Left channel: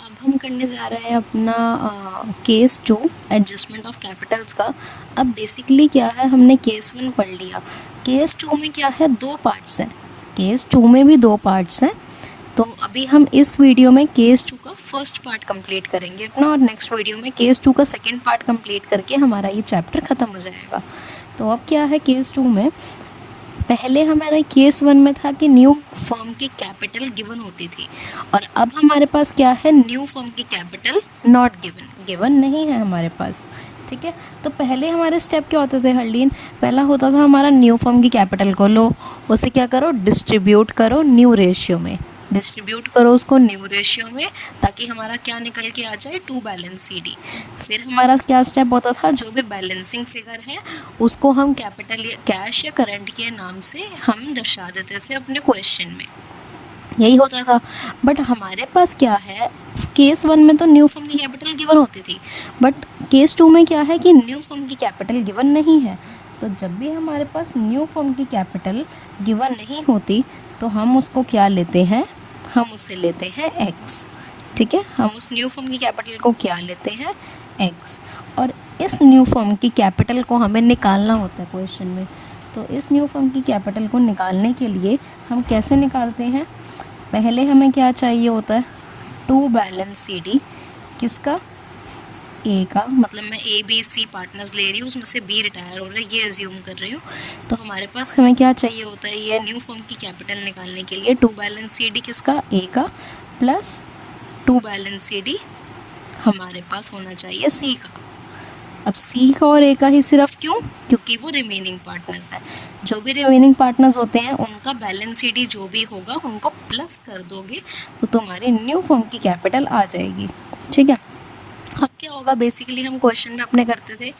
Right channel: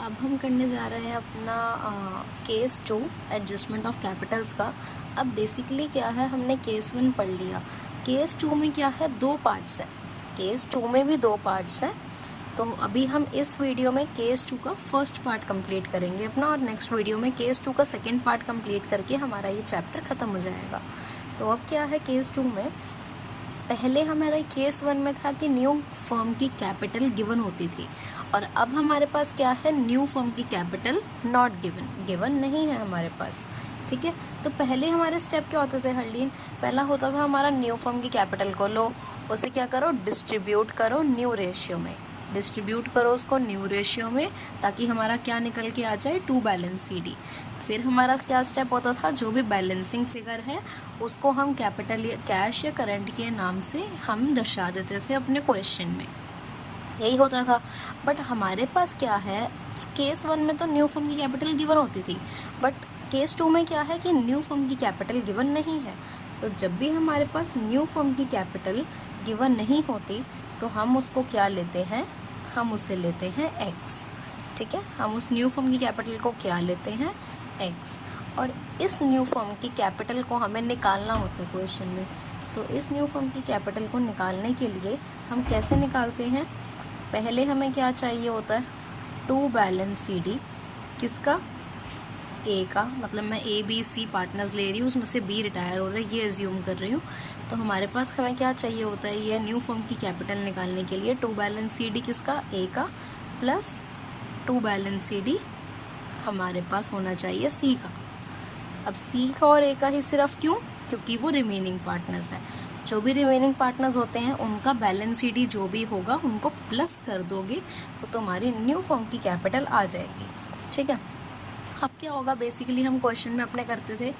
अब हम करने जा रहे हैं अपना केस 2 एडजस्टमेंट ऑफ कैपिटल्स का। अब बेसिकली क्या है, हमने केस 1 पढ़ लिया। केस 2 में क्या है, 2 पार्ट्स हैं। केस 2 में भी 2 पार्ट्स हैं। तो अभी हम इस वीडियो में केस 2 का फर्स्ट पार्ट कंप्लीट करेंगे अपना, और नेक्स्ट वीडियो में केस 2 का सेकंड पार्ट कंप्लीट करके हमारा ये चैप्टर ख़त्म हो जाएगा। तो अब क्या है, केस 2 में पहले हमारा केस 1 में था कि न्यू फर्म की कैपिटल गिवन होती थी, और अब हमारे पास क्या है, न्यू फर्म की कैपिटल नॉट गिवन, गिवन नहीं है हमारे पास। ठीक है, तो पहले हमारे स्टेप क्या होते थे हरलीन, पहला होता था हमारा न्यू फर्म की कैपिटल को लो, उसे क्या करो, डिस्ट्रीब्यूट करो न्यू रेशियो में, डिस्ट्रीब्यूट करो उसको न्यू रेशियो में, ताकि हमारा क्या निकल के आ जाए, टू बैलेंस CD। फिर हमारा क्या स्टेप होता था, जो भी बैलेंसिंग फिगर है उसको हम कैपिटल या कैश या करंट के नाम से हम दर्शा देते थे अपने क्वेश्चन में, यही होता था। बट हमारे पास क्या है, केस 1 में तो न्यू फर्म की कैपिटल गिवन होती थी, बट केस 2 में क्या है कि न्यू फर्म की कैपिटल गिवन नहीं है। तो जब भी हमारे पास न्यू फर्म की कैपिटल गिवन नहीं होती तो हम उसको क्या लेते हैं, हम उसे लेते हैं x। ठीक है, हम उस न्यू फर्म की कैपिटल को क्या लेते हैं, x। और इस न्यू फर्म की कैपिटल को हमें निकालना होता है क्वेश्चन में। तो इस न्यू फर्म की कैपिटल को निकालने के लिए हम कैसे निकालते हैं, पहले हमें क्या चाहिए होता है, टू बैलेंस CD। किसका, A का, मतलब मैं ABC पार्टनर्स ले रही हूँ, उसमें से B रिटायर हो रहा है, ये एज्यूम कर रही हूँ। तो हमारे पास हमें क्या चाहिए होता है, ये न्यू फर्म की कैपिटल निकालने के लिए टू बैलेंस CD किसका, A का, प्लस टू बैलेंस CD हमारे पास होना चाहिए C का। अब C का और A का ही सिर्फ क्यों, क्योंकि वो रिमेनिंग पार्टनर्स हैं। जो भी रिमेनिंग पार्टनर्स होते हैं उनका बैलेंस CD जो भी होगा उनको प्लस कर दोगे तो तुम्हारी न्यू फर्म की कैपिटल आ जाएगी। ठीक है, अब क्या होगा, बेसिकली हम क्वेश्चन में अपने करते थे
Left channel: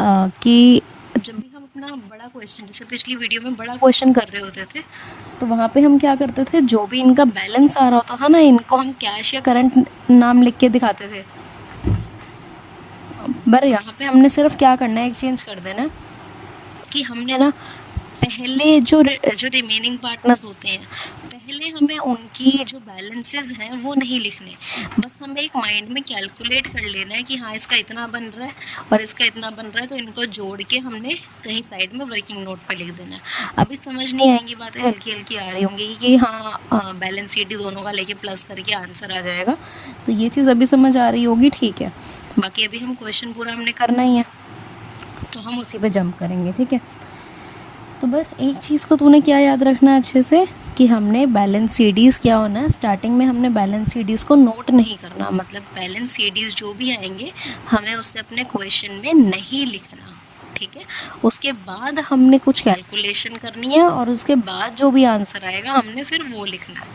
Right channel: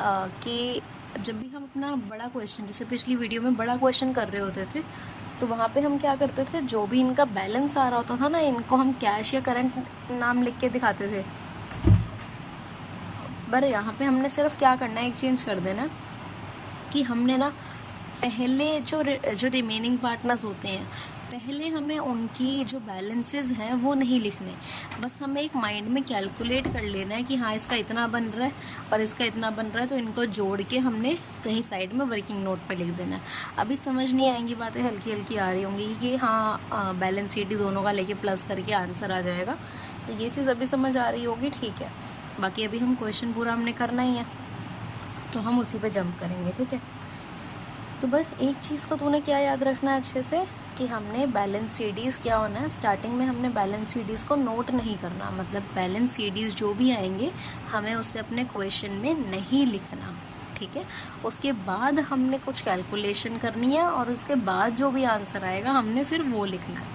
कि जब भी हम अपना बड़ा क्वेश्चन, जैसे पिछली वीडियो में बड़ा क्वेश्चन कर रहे होते थे, तो वहाँ पे हम क्या करते थे, जो भी इनका बैलेंस आ रहा होता था ना, इनको हम कैश या करंट नाम लिख के दिखाते थे। पर यहाँ पे हमने सिर्फ क्या करना है, एक्सचेंज कर देना कि हमने ना पहले जो रिमेनिंग पार्टनर्स होते हैं, पहले हमें उनकी जो बैलेंसेस हैं वो नहीं लिखने, बस हमें एक माइंड में कैलकुलेट कर लेना है कि हाँ इसका इतना बन रहा है और इसका इतना बन रहा है, तो इनको जोड़ के हमने कहीं साइड में वर्किंग नोट पे लिख देना है। अभी समझ नहीं आएंगी बातें, हल्की हल्की आ रही होंगी कि हाँ बैलेंस CD दोनों का लेके प्लस करके आंसर आ जाएगा, तो ये चीज़ अभी समझ आ रही होगी। ठीक है, बाकी अभी हम क्वेश्चन पूरा हमने करना ही है, तो हम उसी पे जंप करेंगे। ठीक है, तो बस एक चीज़ को तूने क्या याद रखना है अच्छे से, कि हमने बैलेंस CDs क्या होना है, स्टार्टिंग में हमने बैलेंस CDs को नोट नहीं करना, मतलब बैलेंस CDs जो भी आएंगे हमें उससे अपने क्वेश्चन में नहीं लिखना। ठीक है, उसके बाद हमने कुछ कैलकुलेशन करनी है और उसके बाद जो भी आंसर आएगा हमने फिर वो लिखना है।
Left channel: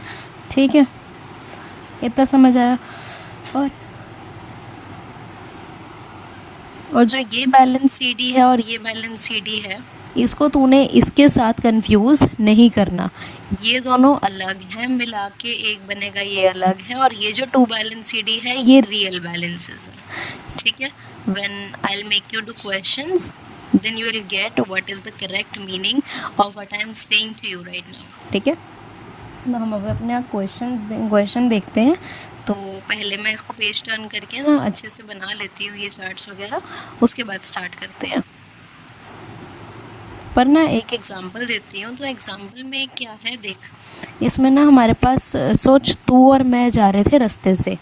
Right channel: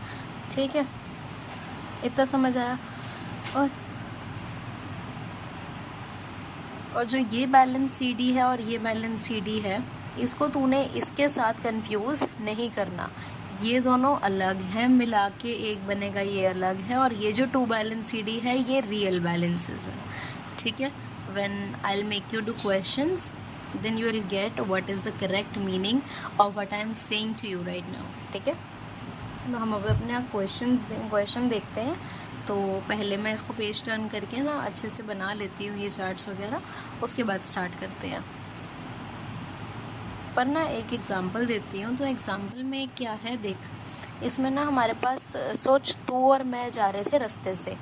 ठीक है, इतना समझ आया। और जो ये बैलेंस CD है और ये बैलेंस CD है, इसको तूने इसके साथ कंफ्यूज नहीं करना, ये दोनों अलग हैं, मिला के एक बनेगा, ये अलग है। और ये जो टू बैलेंस CD है ये रियल बैलेंसेस हैं। ठीक है, when I will make you do questions then you will get what is the correct meaning of what I am saying to you right now. ठीक है, तो हम अब अपने क्वेश्चन देखते हैं। तो पहले मैं इसको पेज टर्न करके ना अच्छे से बना लेती हूँ ये चार्ट्स वगैरह, उसके बाद स्टार्ट करते हैं। पर ना एक एग्ज़ाम्पल देती हूँ, तो एग्ज़ाम्पल में क्या है देख, इसमें ना हमारे पास सोच तू और मैं जा रहे थे रास्ते से।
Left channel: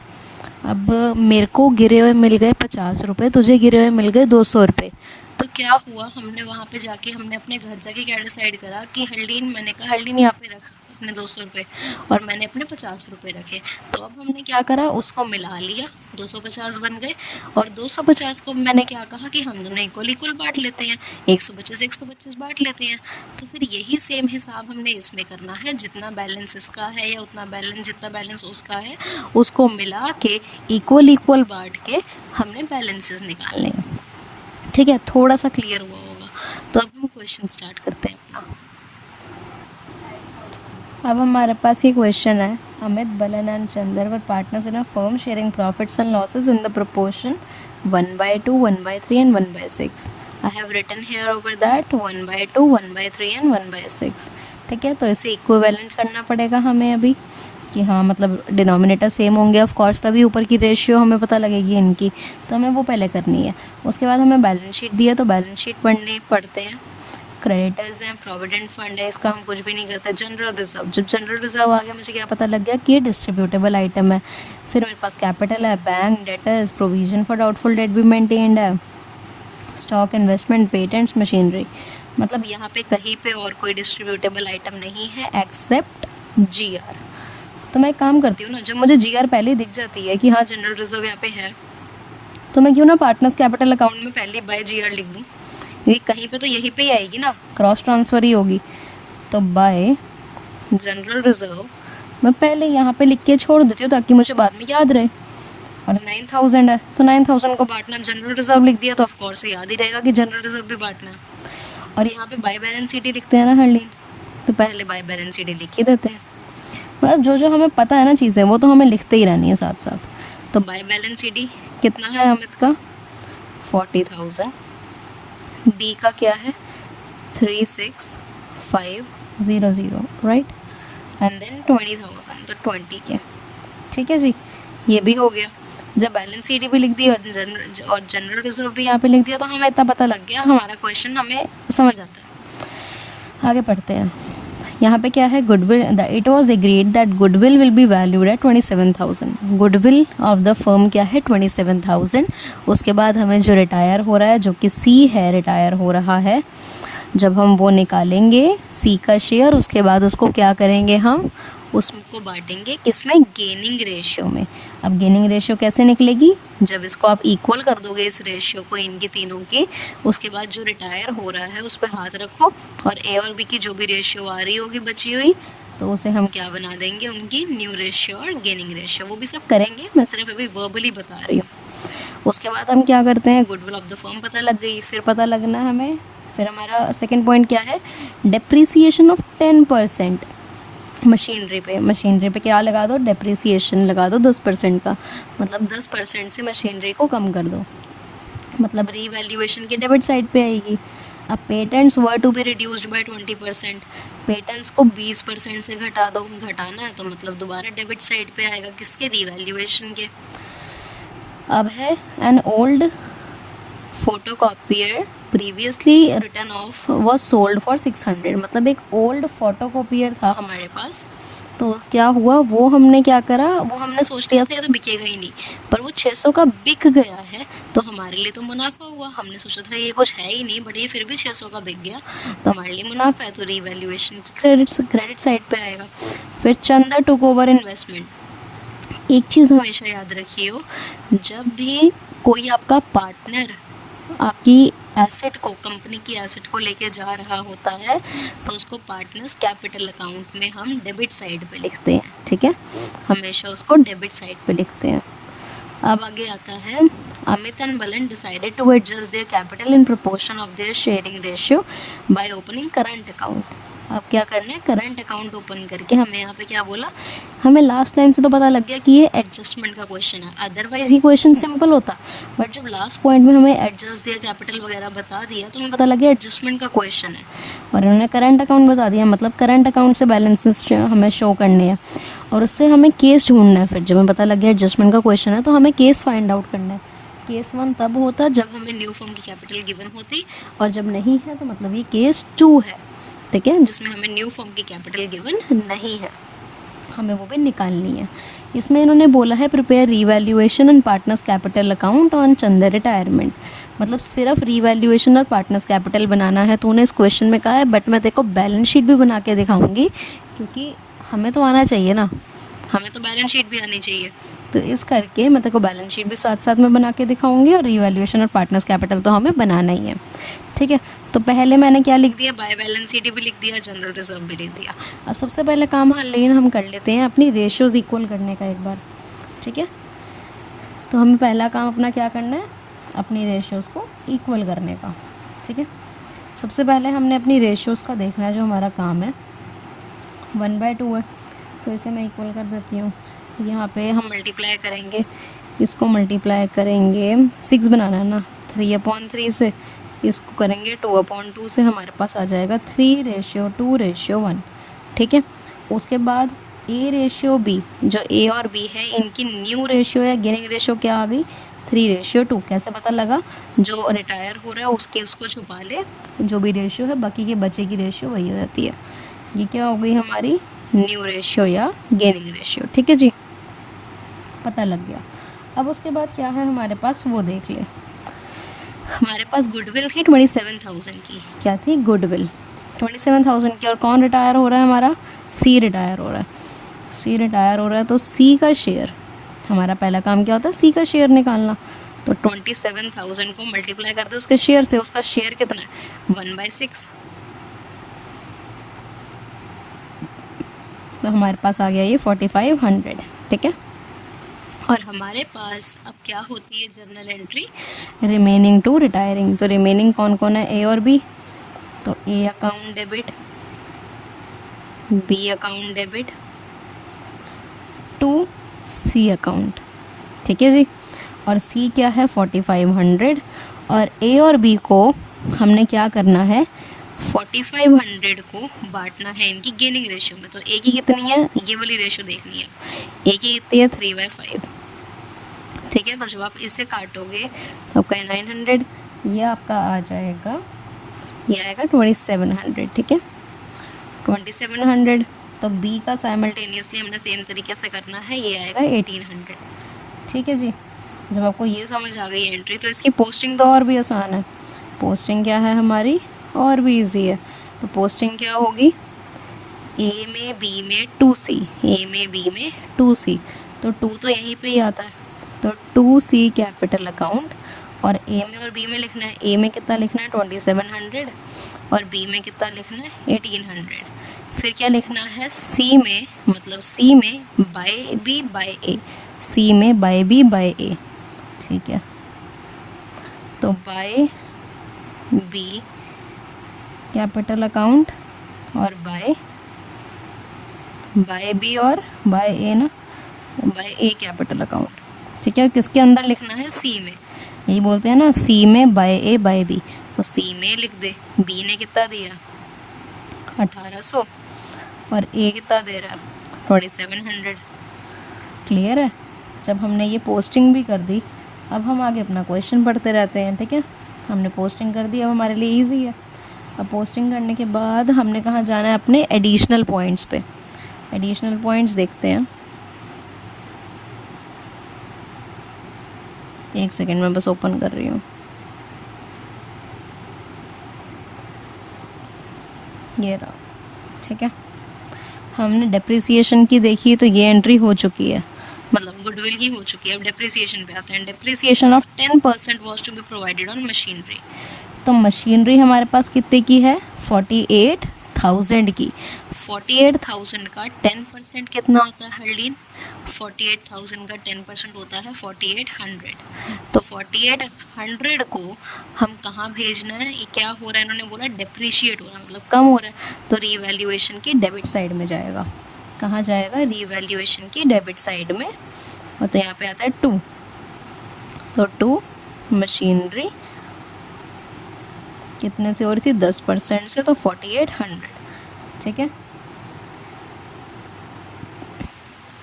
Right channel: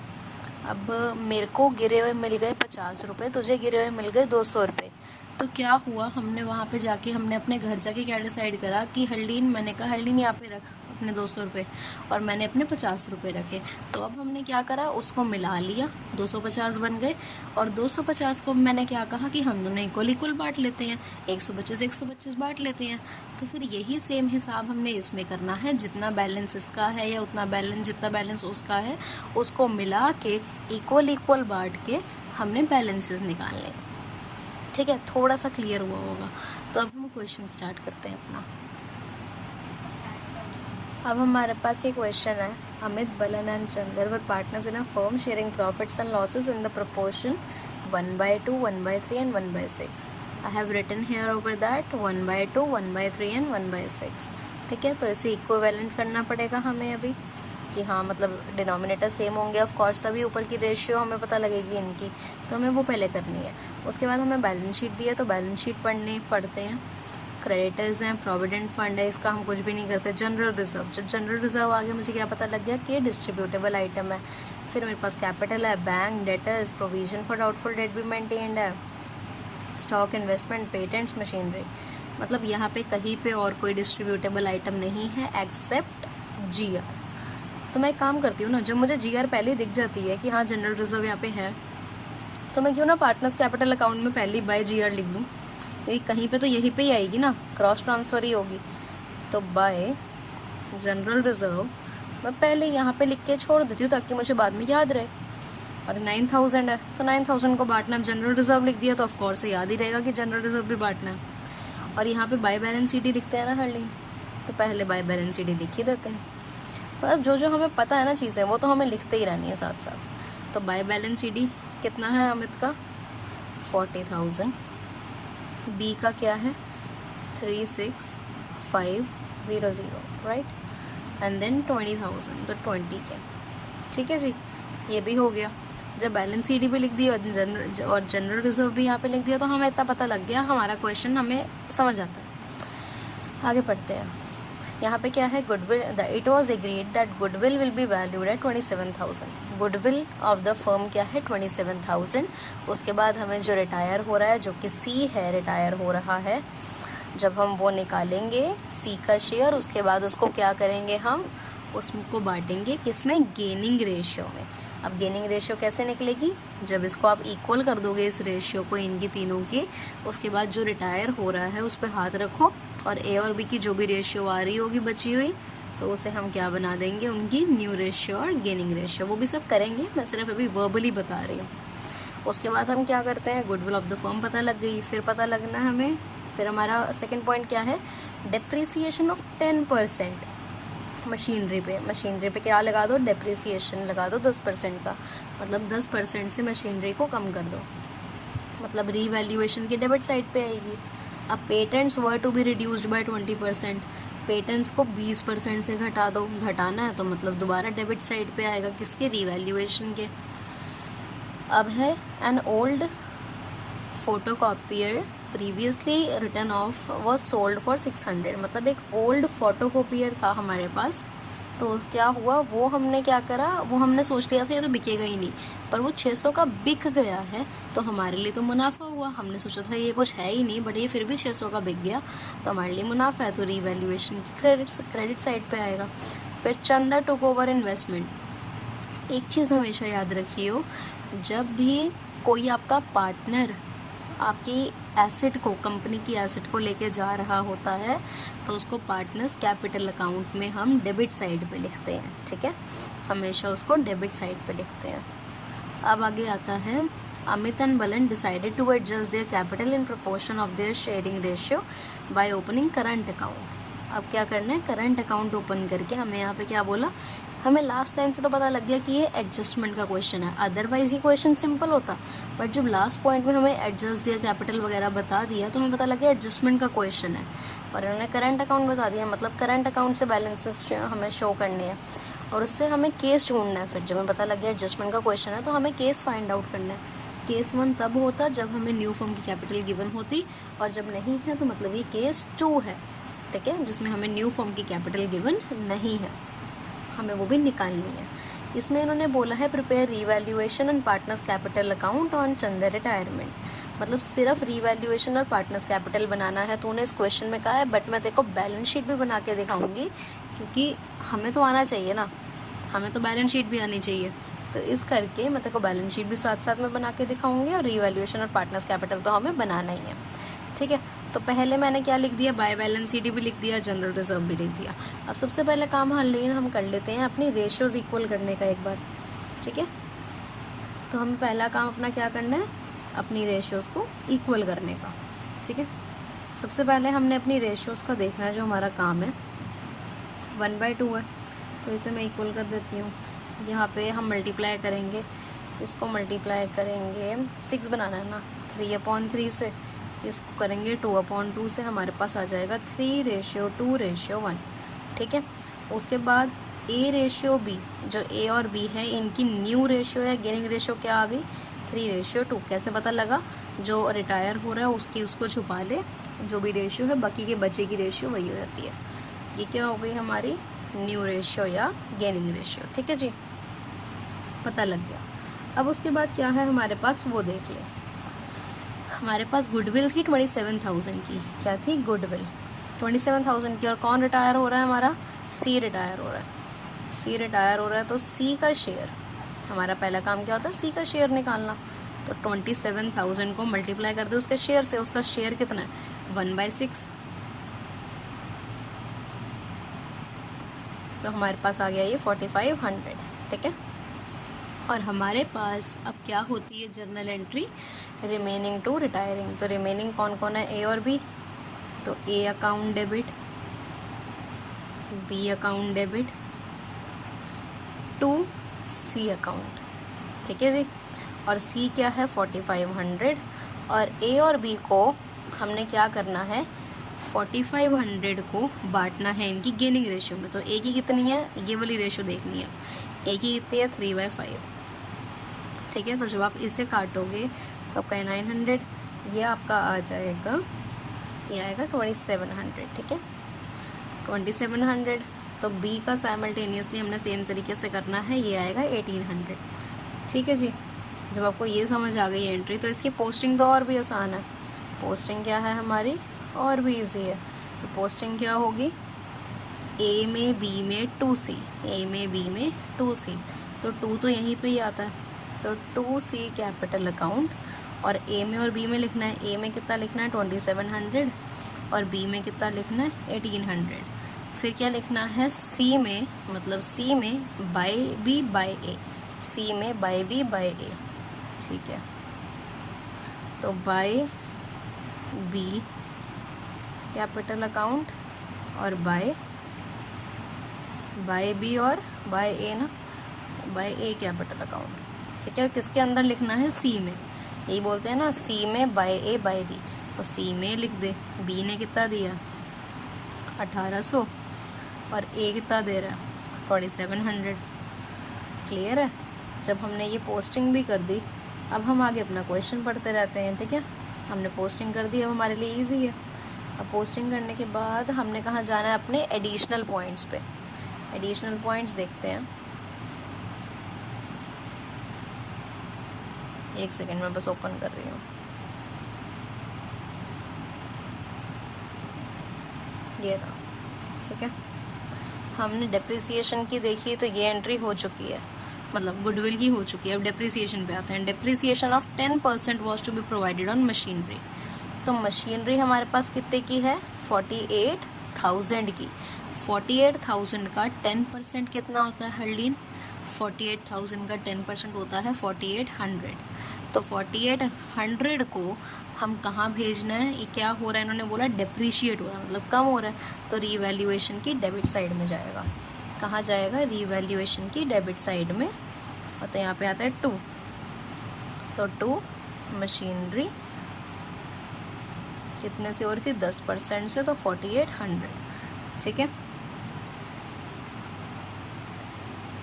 अब मेरे को गिरे हुए मिल गए 50 रुपये, तुझे गिरे हुए मिल गए 200 रुपये। तो क्या हुआ, हमने वहाँ पे जाके हमने अपने घर जाके क्या डिसाइड करा कि हरलीन, मैंने कहा हरलीन यहाँ पे रख अपने 200 रुपये, और मैंने अपने 50 रुपये रखे। तो अब हमने क्या करा, उसको मिला लिया, 250 बन गए। और 250 को मैंने क्या कहा कि हम दोनों इक्वल बांट लेते हैं, 125 बांट लेते हैं। तो फिर यही सेम हिसाब हमने इसमें करना है, जितना बैलेंस इसका है या उतना बैलेंस, जितना बैलेंस उसका है उसको मिला के इक्वल बांट के हमने बैलेंसेस निकालने हैं। ठीक है, थोड़ा सा क्लियर हुआ होगा। तो अब हम क्वेश्चन स्टार्ट करते हैं अपना। अब हमारे पास ये क्वेश्चन है, Amit, Balan and Chandar were partners in a firm sharing profits and losses in the proportion 1/2, 1/3 and 1/6। I have written here over that 1/2, 1/3 and 1/6। ठीक है, तो इसे इक्विवेलेंट करना पड़ेगा हमें अभी। कि हाँ मतलब डिनोमिनेटर सेम होंगे ऑफ कोर्स, तभी ऊपर की रेशियो हमें पता लगेगी इनकी, तो हमें वो पहले करनी है। उसके बाद हमें बैलेंस शीट दिया, तो बैलेंस शीट पढ़ते हैं। क्रेडिटर्स हैं, प्रोविडेंट फंड है, इसका हम कुछ भी नहीं करते। जनरल रिजर्व, जब जनरल रिजर्व आ गया मुझे क्या पता लग गया कि ये डिस्ट्रीब्यूटेबल आइटम है। फिर मेरे पास कैपिटल है, bank, debtors, provision for doubtful debt भी मेंटेन्ड है, स्टॉक, इन्वेस्टमेंट, पेटेंट्स, मशीनरी। मतलब यहाँ पे कहीं पे और कोई डिस्ट्रीब्यूटेबल आइटम नहीं है एक्सेप्ट जीआर। तो मैं एक काम करती हूँ ना, जब मुझे जीआर पहले ही दिख जाती है कि हाँ जनरल रिजर्व यहाँ पे है, तो मैं क्यों ना पार्टनर्स कैपिटल अकाउंट में पहले बाय जीआर लिख दूँ, क्योंकि कहीं पे तो यही पे ही आएगी ना, क्रॉस ट्रांसफ़र ही होगी। तो बाय जनरल रिजर्व मैं पहले यहाँ पे लिख के छोड़ देती हूँ ताकि मुझे बाद में याद रहे। और 9000 है तो 9000 को बांटना, जनरल रिजर्व लिख दिया तो ऑफकोर्स याद ही रहेगा कि जनरल रिजर्व भी बांटना है। और यहाँ पे बाय बैलेंस शीट लिखते हैं ना हरलीन, तो पहले बाय बैलेंस शीट लिख ही देते हैं। मतलब जो जो हमें पता है ना चीज़ें, वो तो हमें लिखते ही रहनी है साथ साथ। तो बाय बैलेंस शीट कितना है अमित का, 40,000। बी का क्या है, 36,500, राइट, एंड देन 20,000, तो 20 के। ठीक है जी, ये भी हो गया। जब बैलेंस शीट भी लिख दी और जनरल रिजर्व भी यहाँ पे लिख दिया, तो हमें इतना पता लग गया, हमारा क्वेश्चन हमें समझ आता है। आगे पढ़ते हैं। यहाँ पे क्या है, goodwill, it was agreed that goodwill will be valued at 27,000। Goodwill of the firm क्या है, 27,000। उसके बाद हमें जो रिटायर हो रहा है, जो कि सी है, रिटायर हो रहा है, जब हम वो निकालेंगे सी का शेयर, उसके बाद उसको क्या करेंगे, हम उसको बांटेंगे किसमें, गेनिंग रेशियो में। अब गेनिंग रेशियो कैसे निकलेगी, जब इसको आप इक्वल कर दोगे इस रेशियो को, इनकी तीनों की, उसके बाद जो रिटायर हो रहा है उस पर हाथ रखो, और ए और बी की जो भी रेशियो आ रही होगी बची हुई, तो उसे हम क्या बना देंगे, उनकी न्यू रेशियो और गेनिंग रेशियो। वो भी सब करेंगे, मैं सिर्फ अभी वर्बली बता रही हूँ। उसके बाद हम क्या करते हैं, गुडविल ऑफ द फर्म पता लग गई, फिर पता लगना है हमें, फिर हमारा सेकेंड पॉइंट क्या है, डेप्रीसिएशन ऑफ 10% मशीनरी पे। मशीनरी पे क्या लगा दो, डेप्रिसिएशन लगा दो 10% का, मतलब 10% से मशीनरी को कम कर दो, मतलब रीवैल्यूएशन की डेबिट साइड पे आएगी। अब patents were to be reduced by 20%, patents को 20% से घटा दो, घटाना है तो मतलब दोबारा डेबिट साइड पे आएगा, किसके, रीवैल्यूएशन के। अब है an old photocopier previously return of was sold for 600, मतलब एक ओल्ड फोटोकॉपियर था हमारे पास, तो क्या हुआ, वो हमने क्या करा, वो हमने सोच लिया था ये तो बिकेगा ही नहीं, पर वो 600 का बिक गया है, तो हमारे लिए तो मुनाफा हुआ। हमने सोचा था ये कुछ है ही नहीं, बट ये फिर भी 600 का बिक गया, तो हमारे लिए मुनाफा है, तो रीवैल्यूएशन की क्रेडिट साइड पे आएगा। फिर चंदा टुक ओवर इन्वेस्टमेंट। एक चीज़ हमेशा याद रखिए, जब भी कोई आपका पार्टनर आपकी एसेट को, कंपनी की एसेट को लेके जा रहा होता है, तो उसको पार्टनर्स कैपिटल अकाउंट में हम डेबिट साइड पे लिखते हैं। ठीक है, हमेशा उसको डेबिट साइड पे लिखते हैं। अब आगे आता है, Amit and Balan decided to adjust their capital in proportion of their sharing ratio by opening current account. अब क्या करना है, करंट अकाउंट ओपन करके, हमें यहाँ पे क्या बोला, हमें लास्ट लाइन से तो पता लग गया कि ये एडजस्टमेंट का क्वेश्चन है, अदरवाइज ये क्वेश्चन सिंपल होता, बट जब लास्ट पॉइंट में हमें एडजस्ट दिया, कैपिटल वगैरह बता दिया, तो हमें पता लग गया एडजस्टमेंट का क्वेश्चन है, और इन्होंने करंट अकाउंट बता दिया, मतलब करंट अकाउंट से बैलेंसेस हमें शो करने हैं, और उससे हमें केस ढूंढना है। फिर जब हमें पता लग गया एडजस्टमेंट का क्वेश्चन है, तो हमें केस फाइंड आउट करना है। केस 1 तब होता जब हमें न्यू फर्म की कैपिटल गिवन होती, और जब नहीं है तो मतलब ये केस 2 है, ठीक है, जिसमें हमें न्यू फर्म की कैपिटल गिवन नहीं है, हमें वो भी निकालनी है। इसमें इन्होंने बोला है prepare revaluation and partners capital account on चंदा रिटायरमेंट, मतलब सिर्फ रीवैल्यूएशन और पार्टनर्स कैपिटल बनाना है, तो उन्हें इस क्वेश्चन में कहा है, बट मैं देखो बैलेंस शीट भी बना के दिखाऊंगी, क्योंकि हमें तो आना चाहिए ना, हमें तो बैलेंस शीट भी आनी चाहिए, तो इस करके मैं तेको बैलेंस शीट भी साथ साथ में बना के दिखाऊंगी, और रीवैल्यूएशन और पार्टनर्स कैपिटल तो हमें बनाना ही है। ठीक है, तो पहले मैंने क्या लिख दिया, बाय बैलेंस शीट भी लिख दिया, जनरल रिजर्व भी लिख दिया। अब सबसे पहले काम हम कर लेते हैं अपनी रेशियोज इक्वल करने का एक बार। ठीक है, तो हमें पहला काम अपना क्या करना है, अपनी रेशियोज़ को इक्वल करने का। ठीक है, सबसे पहले हमने अपनी रेशियोज़ का देखना है, जो हमारा काम है 1/2 है, तो इसे मैं इक्वल कर देती हूँ। यहाँ पे हम मल्टीप्लाई करेंगे, इसको मल्टीप्लाई करेंगे 6 बनाना है ना, 3/3 से, इसको करेंगे 2/2 से, हमारे पास आ जाएगा 3:2:1। ठीक है, उसके बाद ए रेशियो बी, जो ए और बी है इनकी न्यू रेशियो या गेनिंग रेशियो क्या आ गई, 3:2। कैसे पता लगा, जो रिटायर हो रहा है उसको छुपा ले, जो भी रेशियो है बाकी के बचे की रेशियो वही हो जाती है। ये क्या हो गई हमारी न्यू रेशियो या गेनिंग रेशियो। ठीक है जी, पता लग गया। अब उसके बाद क्या है हमारे पास वो देख ले। हमारे पास गुडविल थी 27,000 की, क्या थी गुडविल 27,000 की, और कौन रिटायर हो रहा है हमारा, सी रिटायर हो रहा है। सी रिटायर हो रहा है तो सी का शेयर, हमारा पहला काम क्या होता है, सी का शेयर निकालना। तो 27,000 को मल्टीप्लाई कर दे उसके शेयर से, उसका शेयर कितना है 1/6। तो हमारे पास आ गया ये 4500। ठीक है, और हमारे पास अब क्या होती है journal entry, remaining to retiring. तो रिमेनिंग कौन कौन है, ए और बी। तो A account debit, B account debit to C account. ठीक है जी, और सी क्या है 4500, और ए और बी को हमने क्या करना है, 4500 को बांटना है इनकी गेनिंग रेशियो में। तो ए की कितनी है, ये वाली रेशियो देखनी है। ए की कितनी है 3/5। ठीक है, तो जब आप इसे काटोगे तो आपका 900, ये आपका आ जाएगा, ये आएगा 2700। ठीक है, 2700। तो बी का साइमल्टेनियसली हमने सेम तरीके से करना है, ये आएगा 1800। ठीक है जी, जब आपको ये समझ आ गई एंट्री, तो इसकी पोस्टिंग तो और भी आसान है। पोस्टिंग क्या है हमारी, और भी इजी है। तो पोस्टिंग क्या होगी, ए में बी में 2C, ए में बी में 2C। तो 2 तो यहीं पे ही आता है, तो 2C कैपिटल अकाउंट, और ए में और बी में लिखना है। ए में कितना लिखना है 2700, और बी में कितना लिखना है 1800। फिर क्या लिखना है, सी में, मतलब सी में बाय बी बाय ए, सी में बाय बी बाय ए। ठीक है, तो बाय बी कैपिटल अकाउंट और बाय बी और बाय ए ना, बाय ए कैपिटल अकाउंट। ठीक है, किसके अंदर लिखना है, सी में। ये बोलते हैं ना सी में बाय ए बाय बी, तो सी में लिख दे। बी ने कितना दिया 1800, और ए कितना दे रहा है 2700। क्लियर है, जब हमने ये पोस्टिंग भी कर दी, अब हम आगे अपना क्वेश्चन पढ़ते रहते हैं। ठीक है, हमने पोस्टिंग कर दी, अब हमारे लिए इजी है। अब पोस्टिंग करने के बाद हमने कहाँ जाना है, अपने एडिशनल पॉइंट्स पे। एडिशनल पॉइंट्स देखते हैं, एक सेकेंड में बस ओपन कर रही हूँ। ये रहा। ठीक है, हमने डेप्रिसिएशन की देखी, तो ये एंट्री हो चुकी है, मतलब गुडविल की हो चुकी है। अब डेप्रिसिएशन पे आते हैं। Depreciation of 10% was to be provided on machinery. तो मशीनरी हमारे पास कितने की है, 48,000 की। 48,000 का 10% कितना होता है हरलीन, 48,000 का 10% होता है 4800। तो 4800 को हम कहाँ भेजना है, ये क्या हो रहा है, इन्होंने बोला डेप्रीशिएट हो रहा है, मतलब कम हो रहा है। तो रीवैल्यूएशन की डेबिट साइड में जाएगा। कहाँ जाएगा, रीवैल्यूएशन की डेबिट साइड में। और तो यहाँ पे आता है 2, तो 2 मशीनरी कितने से हो रही थी, 10% से, तो 4800। ठीक है,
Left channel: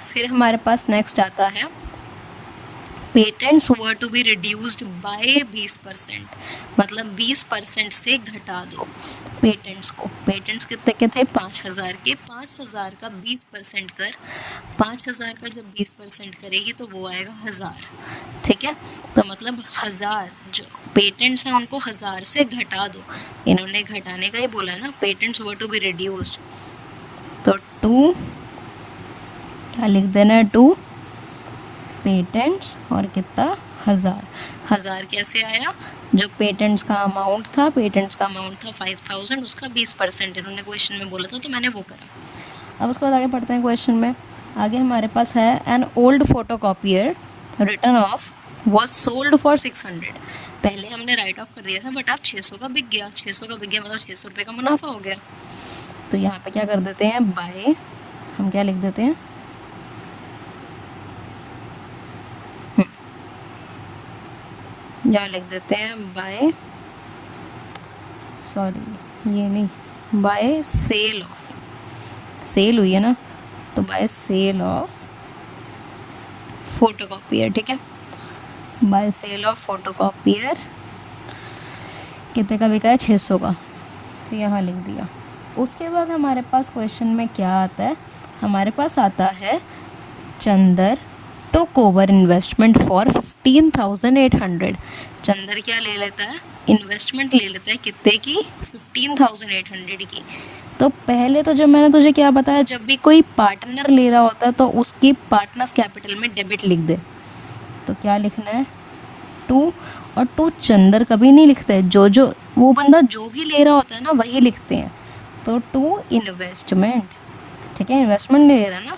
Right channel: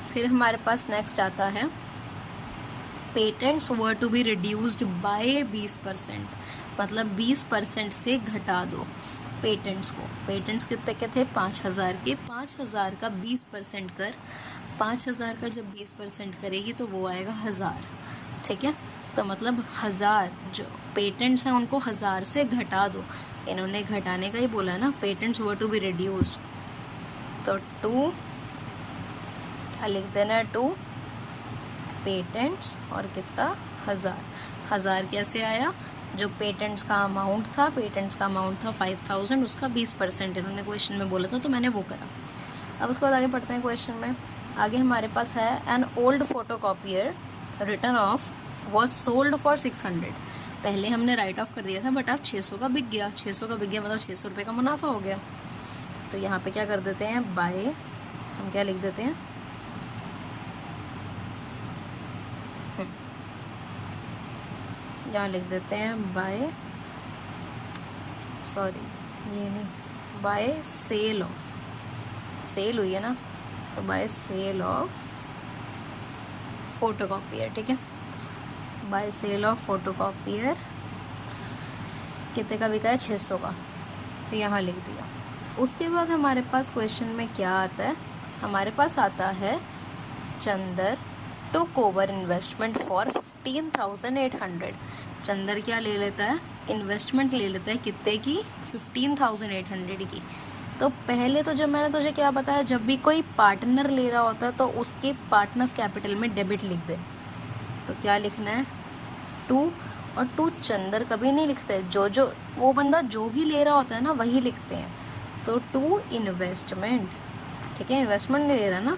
फिर हमारे पास नेक्स्ट आता है patents were to be reduced by 20%, मतलब 20% से घटा दो पेटेंट्स को। पेटेंट्स कितने के थे 5,000 के, 5,000 का 20% कर, 5,000 का जब 20% करेगी तो वो आएगा 1,000। ठीक है, तो मतलब 1,000 जो पेटेंट्स हैं उनको 1,000 से घटा दो। इन्होंने घटाने का ही बोला है ना, patents were to be reduced. तो 2 क्या लिख देना है, 2 पेटेंट्स और कितना 1,000 कैसे आया, जो पेटेंट्स का अमाउंट था, पेटेंट्स का अमाउंट था 5,000, उसका 20% इन्होंने क्वेश्चन में बोला था, तो मैंने वो करा। अब उसके बाद आगे पढ़ते हैं क्वेश्चन में। आगे हमारे पास है an old photocopier return of was sold for 600। पहले हमने राइट ऑफ कर दिया था, बट अब 600 का बिक गया। 600 का बिक गया मतलब 600 रुपये का मुनाफा हो गया। तो यहाँ पे क्या कर देते हैं, बाय, हम क्या लिख देते हैं, यहाँ लिख देते हैं बाय, सॉरी ये नहीं, बाय सेल ऑफ, सेल हुई है ना, तो बाय सेल ऑफ फोटोकॉपियर, ठीक है, बाय सेल ऑफ फोटोकॉपियर कितने का बिका है, 600 का, तो यहाँ लिख दिया। उसके बाद हमारे पास क्वेश्चन में क्या आता है, हमारे पास आता है Chandar took over investment for 15,800। Chandar क्या ले लेता है, इन्वेस्टमेंट ले लेता है कितने की, 15,800 की। तो पहले तो जब मैंने तुझे क्या बताया, जब भी कोई पार्टनर ले रहा होता है तो उसकी पार्टनर्स कैपिटल में डेबिट लिख दे। तो क्या लिखना है, टू, और टू चंदर कभी नहीं लिखते हैं, जो वो बंदा जो भी ले रहा होता है ना वही लिखते हैं। तो टू इन्वेस्टमेंट, ठीक है, इन्वेस्टमेंट ले रहा है ना,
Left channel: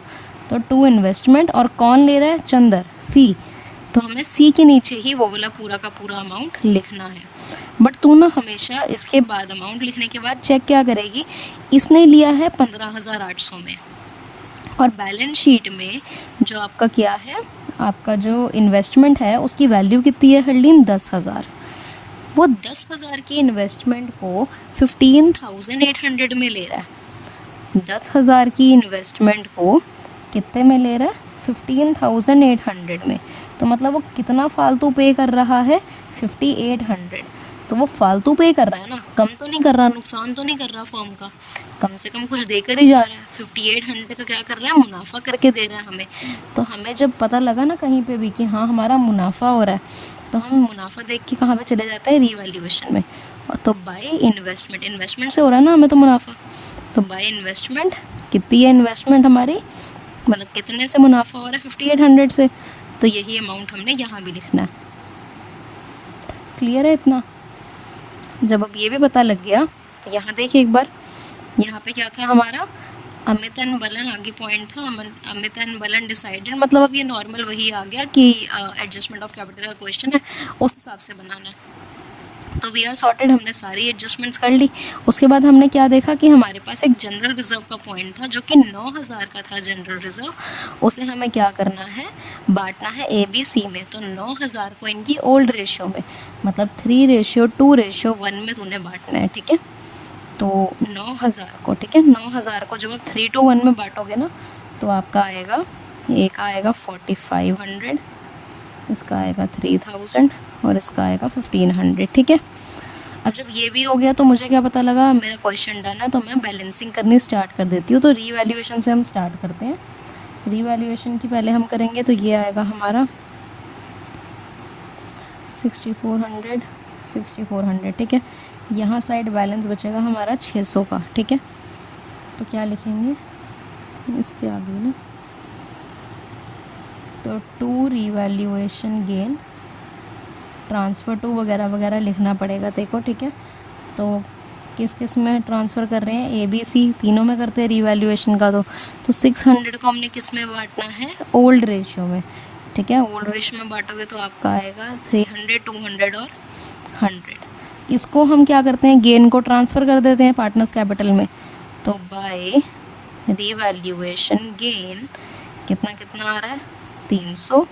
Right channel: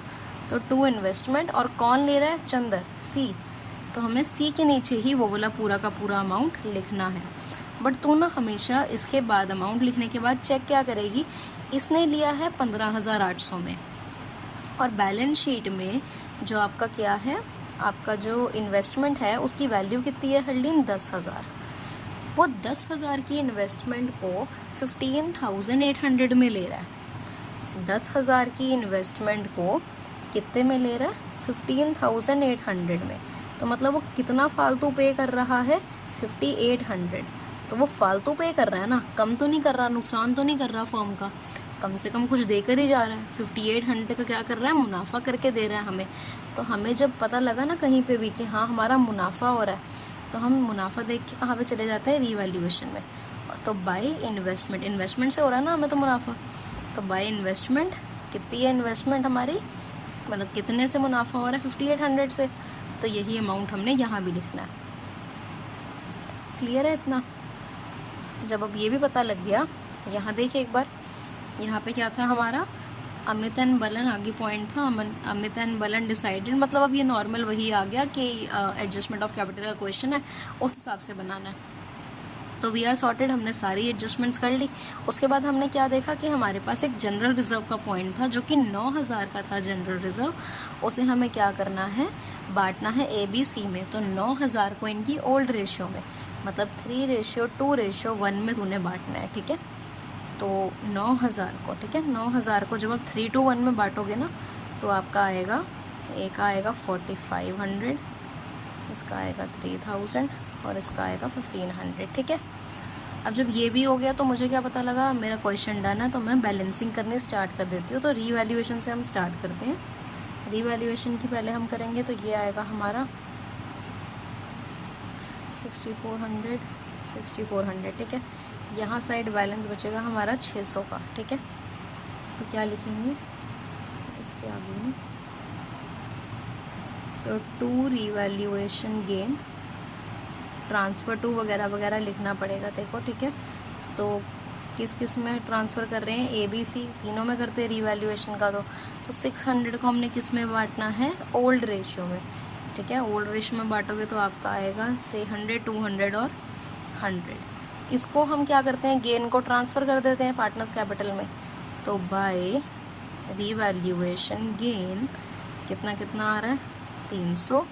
तो टू इन्वेस्टमेंट, और कौन ले रहा है, चंदर, सी। तो हमें सी के नीचे ही वो वाला पूरा का पूरा अमाउंट लिखना है। बट तू ना हमेशा इसके बाद अमाउंट लिखने के बाद चेक क्या करेगी, इसने लिया है 15,800 में, और बैलेंस शीट में जो आपका क्या है, आपका जो इन्वेस्टमेंट है उसकी वैल्यू कितनी है हरलीन, 10,000। वो 10,000 की इन्वेस्टमेंट को 15,800 में ले रहा है। 10,000 की इन्वेस्टमेंट को कितने में ले रहा है, 15,800 में। तो मतलब वो कितना फालतू पे कर रहा है, 5,800। तो वो फालतू पे कर रहा है ना, कम तो नहीं कर रहा, नुकसान तो नहीं कर रहा फर्म का, कम से कम कुछ देकर ही जा रहा है। 5,800 का क्या कर रहा है, मुनाफा करके दे रहा है हमें। तो हमें जब पता लगा ना कहीं पे भी कि हाँ हमारा मुनाफा हो रहा है, तो हम मुनाफा देख के कहाँ पे चले जाते हैं, रीवैल्यूएशन में। और तो बाय इन्वेस्टमेंट, इन्वेस्टमेंट से हो रहा है ना हमें तो मुनाफा, तो बाय इन्वेस्टमेंट कितनी है इन्वेस्टमेंट हमारी, मतलब कितने से मुनाफा हो रहा है, 5,800 से। तो यही अमाउंट हमने यहाँ भी लिखना है। क्लियर है इतना? जब अब ये भी पता लग गया तो यहाँ देखिए एक बार, यहाँ पे क्या था हमारा, अमित एंड बलन आगे पॉइंट था, अमित एंड बलन डिसाइडेड, मतलब अब ये नॉर्मल वही आ गया कि एडजस्टमेंट ऑफ कैपिटल का क्वेश्चन है, उस हिसाब से बनाना है। तो वी आर सॉर्टेड, हमने सारी एडजस्टमेंट्स कर ली। उसके बाद हमने क्या देखा कि हमारे पास एक जनरल रिजर्व का पॉइंट था जो कि 9,000 का था जनरल रिजर्व, उसे हमें क्या करना है, बांटना है ABC में। तो 9,000 को इनकी ओल्ड रेशियो में, मतलब 3:2:1 में तूने बांटना है, ठीक है। तो 9,000 को, ठीक है, 9,000 को जब आप 3:1 में बांटोगे ना, तो आपका आएगा, एक आएगा 4,500, इसका आएगा 3,000 और इसका आएगा 1,500, ठीक है। अब जब ये भी हो गया तो मुझे क्या पता लगा, मेरा क्वेश्चन डन है, तो मैं बैलेंसिंग करनी स्टार्ट कर देती हूँ। तो रीवैल्यूएशन से हम स्टार्ट करते हैं। रीवैल्यूएशन की पहले हम करेंगे, तो ये आएगा हमारा 6,400, ठीक है। यहाँ साइड बैलेंस बचेगा हमारा 600 का, ठीक है। तो क्या लिखेंगे इसके आगे में, तो to revaluation gain, transfer to वगैरह वगैरह लिखना पड़ेगा देखो, ठीक है। तो किस किस में ट्रांसफ़र कर रहे हैं, ABC तीनों में करते हैं रीवैल्यूएशन का। तो 600 को हमने किस में बांटना है, ओल्ड रेशियो में, ठीक है। ओल्ड रेशियो में बांटोगे तो आपका आएगा 300, 200 और 100। इसको हम क्या करते हैं, गेन को ट्रांसफ़र कर देते हैं पार्टनर्स कैपिटल में। तो बाय रीवैल्यूएशन गेन कितना कितना आ रहा है, 300,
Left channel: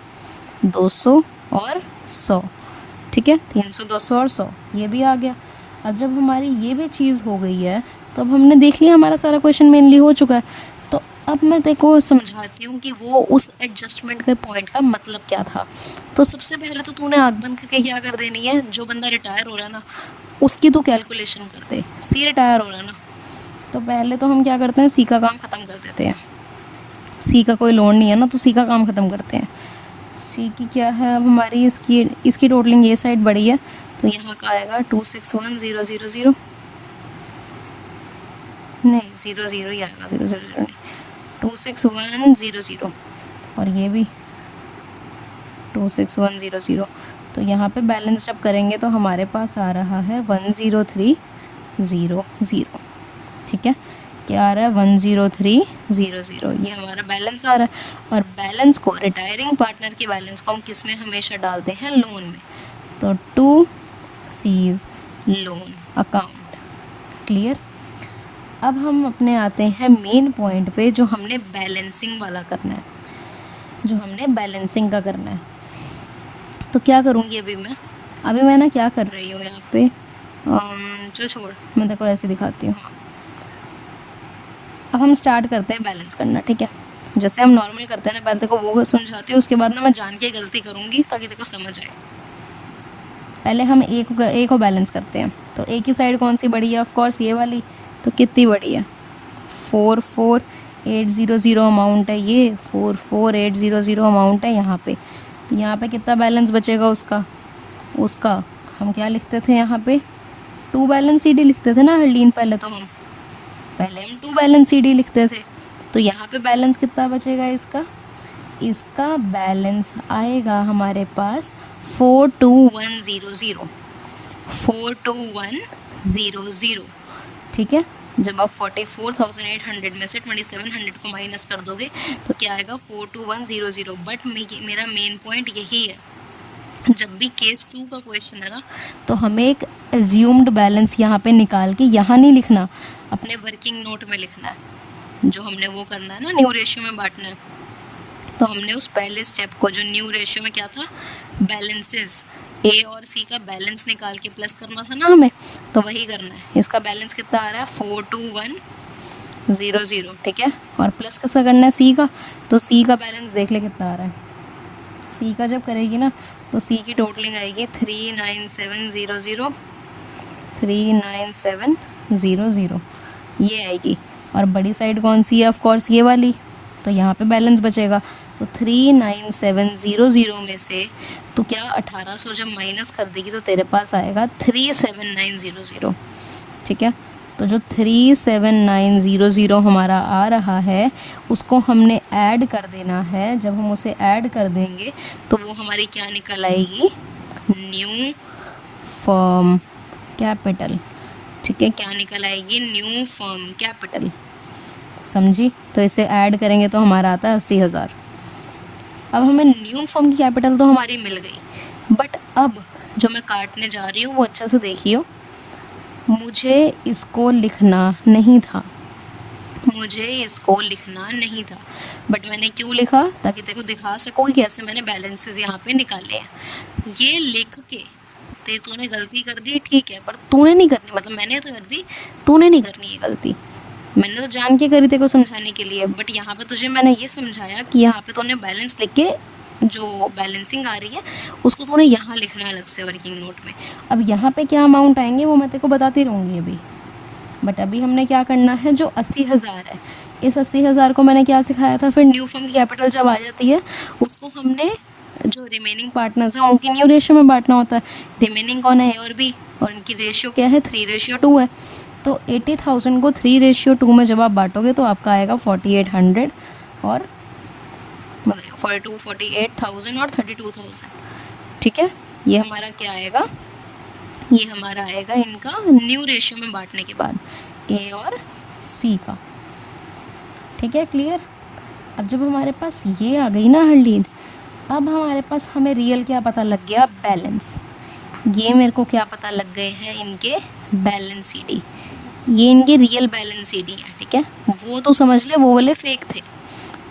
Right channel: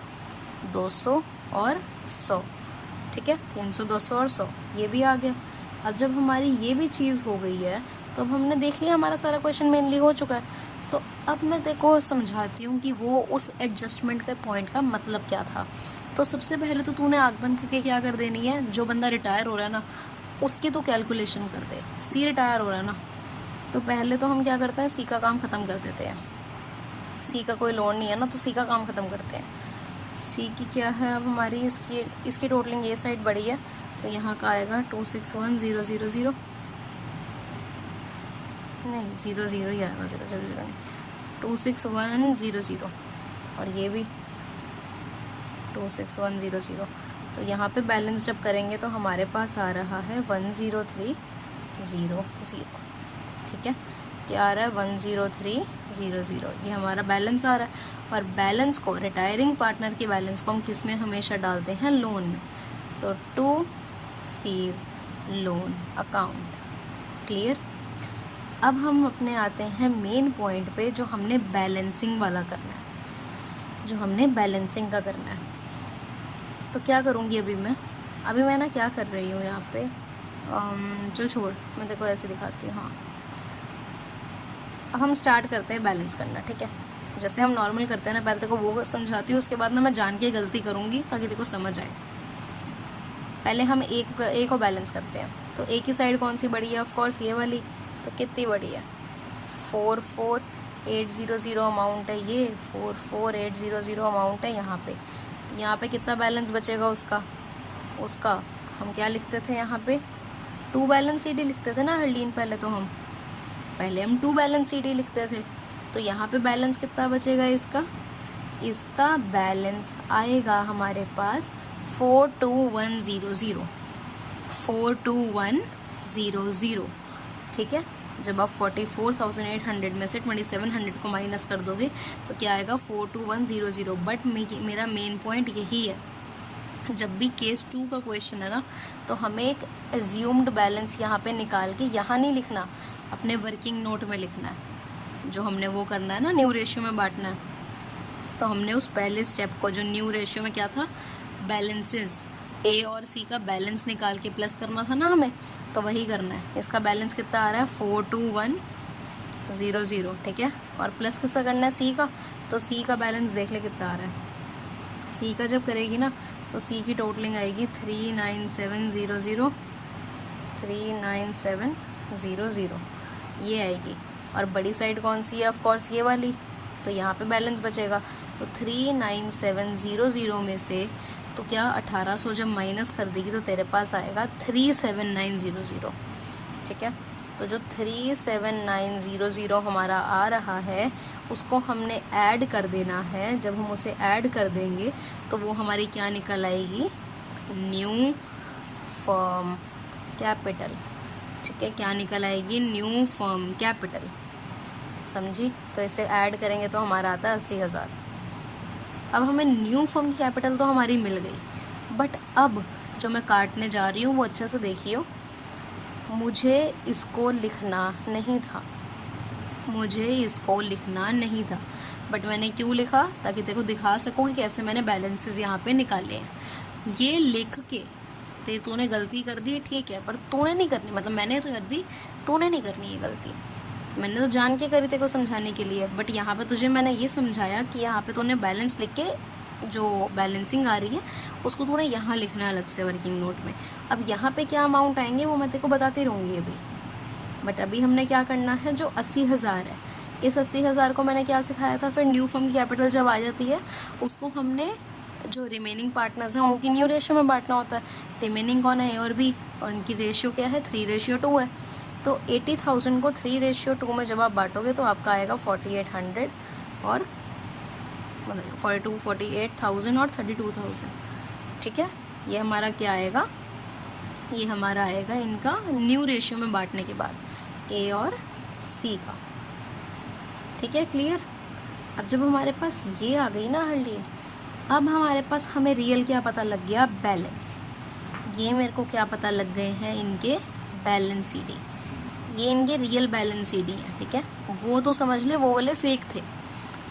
200 और 100, ठीक है। 300, 200 और 100 ये भी आ गया। अब जब हमारी ये भी चीज़ हो गई है, तो अब हमने देख लिया हमारा सारा क्वेश्चन मेनली हो चुका है। तो अब मैं देखो समझाती हूँ कि वो उस एडजस्टमेंट के पॉइंट का मतलब क्या था। तो सबसे पहले तो तूने आँख बंद करके क्या कर देनी है, जो बंदा रिटायर हो रहा है ना उसकी तो कैलकुलेशन कर दे। सी रिटायर हो रहा है ना, तो पहले तो हम क्या करते हैं, सी का काम ख़त्म कर देते हैं। सी का कोई लोन नहीं है ना, तो सी का काम ख़त्म करते हैं। सी की क्या है अब हमारी, इसकी टोटलिंग ये साइड बड़ी है, तो यहाँ का आएगा 261,000, नहीं 00 ही आएगा, 000 नहीं, 261,000, और ये भी 261,000। तो यहाँ पे बैलेंस जब करेंगे तो हमारे पास आ रहा है 103,000, ठीक है। क्या आ रहा है, 103,000, ये हमारा बैलेंस आ रहा है। और बैलेंस को, रिटायरिंग पार्टनर के बैलेंस को हम किस में हमेशा डालते हैं, लोन में। तो to cease loan account, clear. अब हम अपने आते हैं मेन पॉइंट पे, जो हमने बैलेंसिंग वाला करना है, जो हमने बैलेंसिंग का करना है। तो क्या करूँगी अभी मैं ना क्या कर रही हूँ यहाँ पे, चल छोड़, मैं देखो ऐसे दिखाती हूँ। हाँ, अब हम स्टार्ट करते हैं बैलेंस करना, ठीक है। जैसे हम नॉर्मल करते हैं ना, पहले तेको वो समझाती हूँ, उसके बाद ना मैं जान के गलती करूँगी ताकि तेको समझ आए। पहले हम ए को बैलेंस करते हैं। तो ए की साइड कौन सी बड़ी है? ऑफ कोर्स ये वाली। तो कितनी बड़ी है? 44800 अमाउंट है ये, 44800 अमाउंट है यहाँ पे। तो यहाँ पे कितना बैलेंस बचेगा उसका हम क्या लिखते थे यहाँ पे? 2 बैलेंस सी डी लिखते थे ना हरलीन, पहले हम 2 बैलेंस सी डी लिखते थे। तो यहाँ पे बैलेंस कितना बचेगा इसका बैलेंस आएगा हमारे पास 42100, 42100। ठीक है, जब आप 44,800 में से 2700 को माइनस कर दोगे तो क्या आएगा? 42100। बट मेरा मेन पॉइंट यही है, जब भी केस 2 का क्वेश्चन है ना, तो हमें एक एज्यूम्ड बैलेंस यहाँ पे निकाल के यहाँ नहीं लिखना, अपने वर्किंग नोट में लिखना है। जो हमने वो करना है ना, न्यू रेशियो में बांटना है। तो हमने उस पहले स्टेप को, जो न्यू रेशियो में क्या था, बैलेंसेस, ए और सी का बैलेंस निकाल के प्लस करना था ना हमें, तो वही करना है। इसका बैलेंस कितना आ रहा है? 42100। ठीक है, और प्लस किसका करना है? सी का। तो सी का बैलेंस देख ले कितना आ रहा है। सी का जब करेगी ना तो सी की टोटलिंग आएगी 39700, 39700 ये आएगी। और बड़ी साइड कौन सी है? ऑफ कोर्स ये वाली। तो यहाँ पे बैलेंस बचेगा। तो 39700 में से तो क्या 1800 जब माइनस कर देगी तो तेरे पास आएगा 37900। ठीक है, तो जो 37900 हमारा आ रहा है उसको हमने ऐड कर देना है। जब हम उसे ऐड कर देंगे तो वो हमारी क्या निकल आएगी? New firm capital. ठीक है, क्या निकल आएगी? New firm capital. समझी? तो इसे ऐड करेंगे तो हमारा आता है 80,000। अब हमें न्यू फर्म की कैपिटल तो हमारी मिल गई, बट अब जो मैं काटने जा रही हूँ वो अच्छा से देखियो। मुझे इसको लिखना नहीं था, बट मैंने क्यों लिखा? ताकि तेरे को दिखा सकूँ कि कैसे मैंने बैलेंसेस यहाँ पे निकाले हैं। ये लिख के तूने गलती कर दी, ठीक है, पर तूने नहीं करनी, मतलब मैंने तो कर दी, तूने नहीं करनी ये गलती। मैंने तो जान के करी, तेरे को समझाने के लिए। बट यहाँ पे तुझे मैंने ये समझाया कि यहाँ पे तूने बैलेंस लिख के, जो बैलेंसिंग आ रही है उसको तूने यहाँ लिखना अलग से वर्किंग नोट में। अब यहाँ पे क्या अमाउंट आएंगे वो मैं तेरे को बताती रहूँगी अभी। बट अभी हमने क्या करना है, जो 80,000 है, इस 80,000 को मैंने क्या सिखाया था? फिर न्यू फर्म की कैपिटल जब आ जाती है उसको हमने जो रिमेनिंग पार्टनर्स हैं उनकी न्यू रेशियो में बांटना होता है। रिमेनिंग कौन है? ए और बी, और इनकी रेशियो क्या है? 3:2 है। तो 80,000 को 3:2 में जब आप बांटोगे तो आपका आएगा 4800 और मतलब 48,000 और 32,000। ठीक है, ये हमारा क्या आएगा? ये हमारा आएगा इनका न्यू रेशियो में बांटने के बाद ए और सी का। ठीक है, क्लियर? अब जब हमारे पास ये आ गई ना हरलीन, अब हमारे पास हमें रियल क्या पता लग गया? बैलेंस। ये मेरे को क्या पता लग गए हैं? इनके बैलेंस सी डी। ये इनके रियल बैलेंस सी डी है। ठीक है, वो तो समझ ले वो वाले फेक थे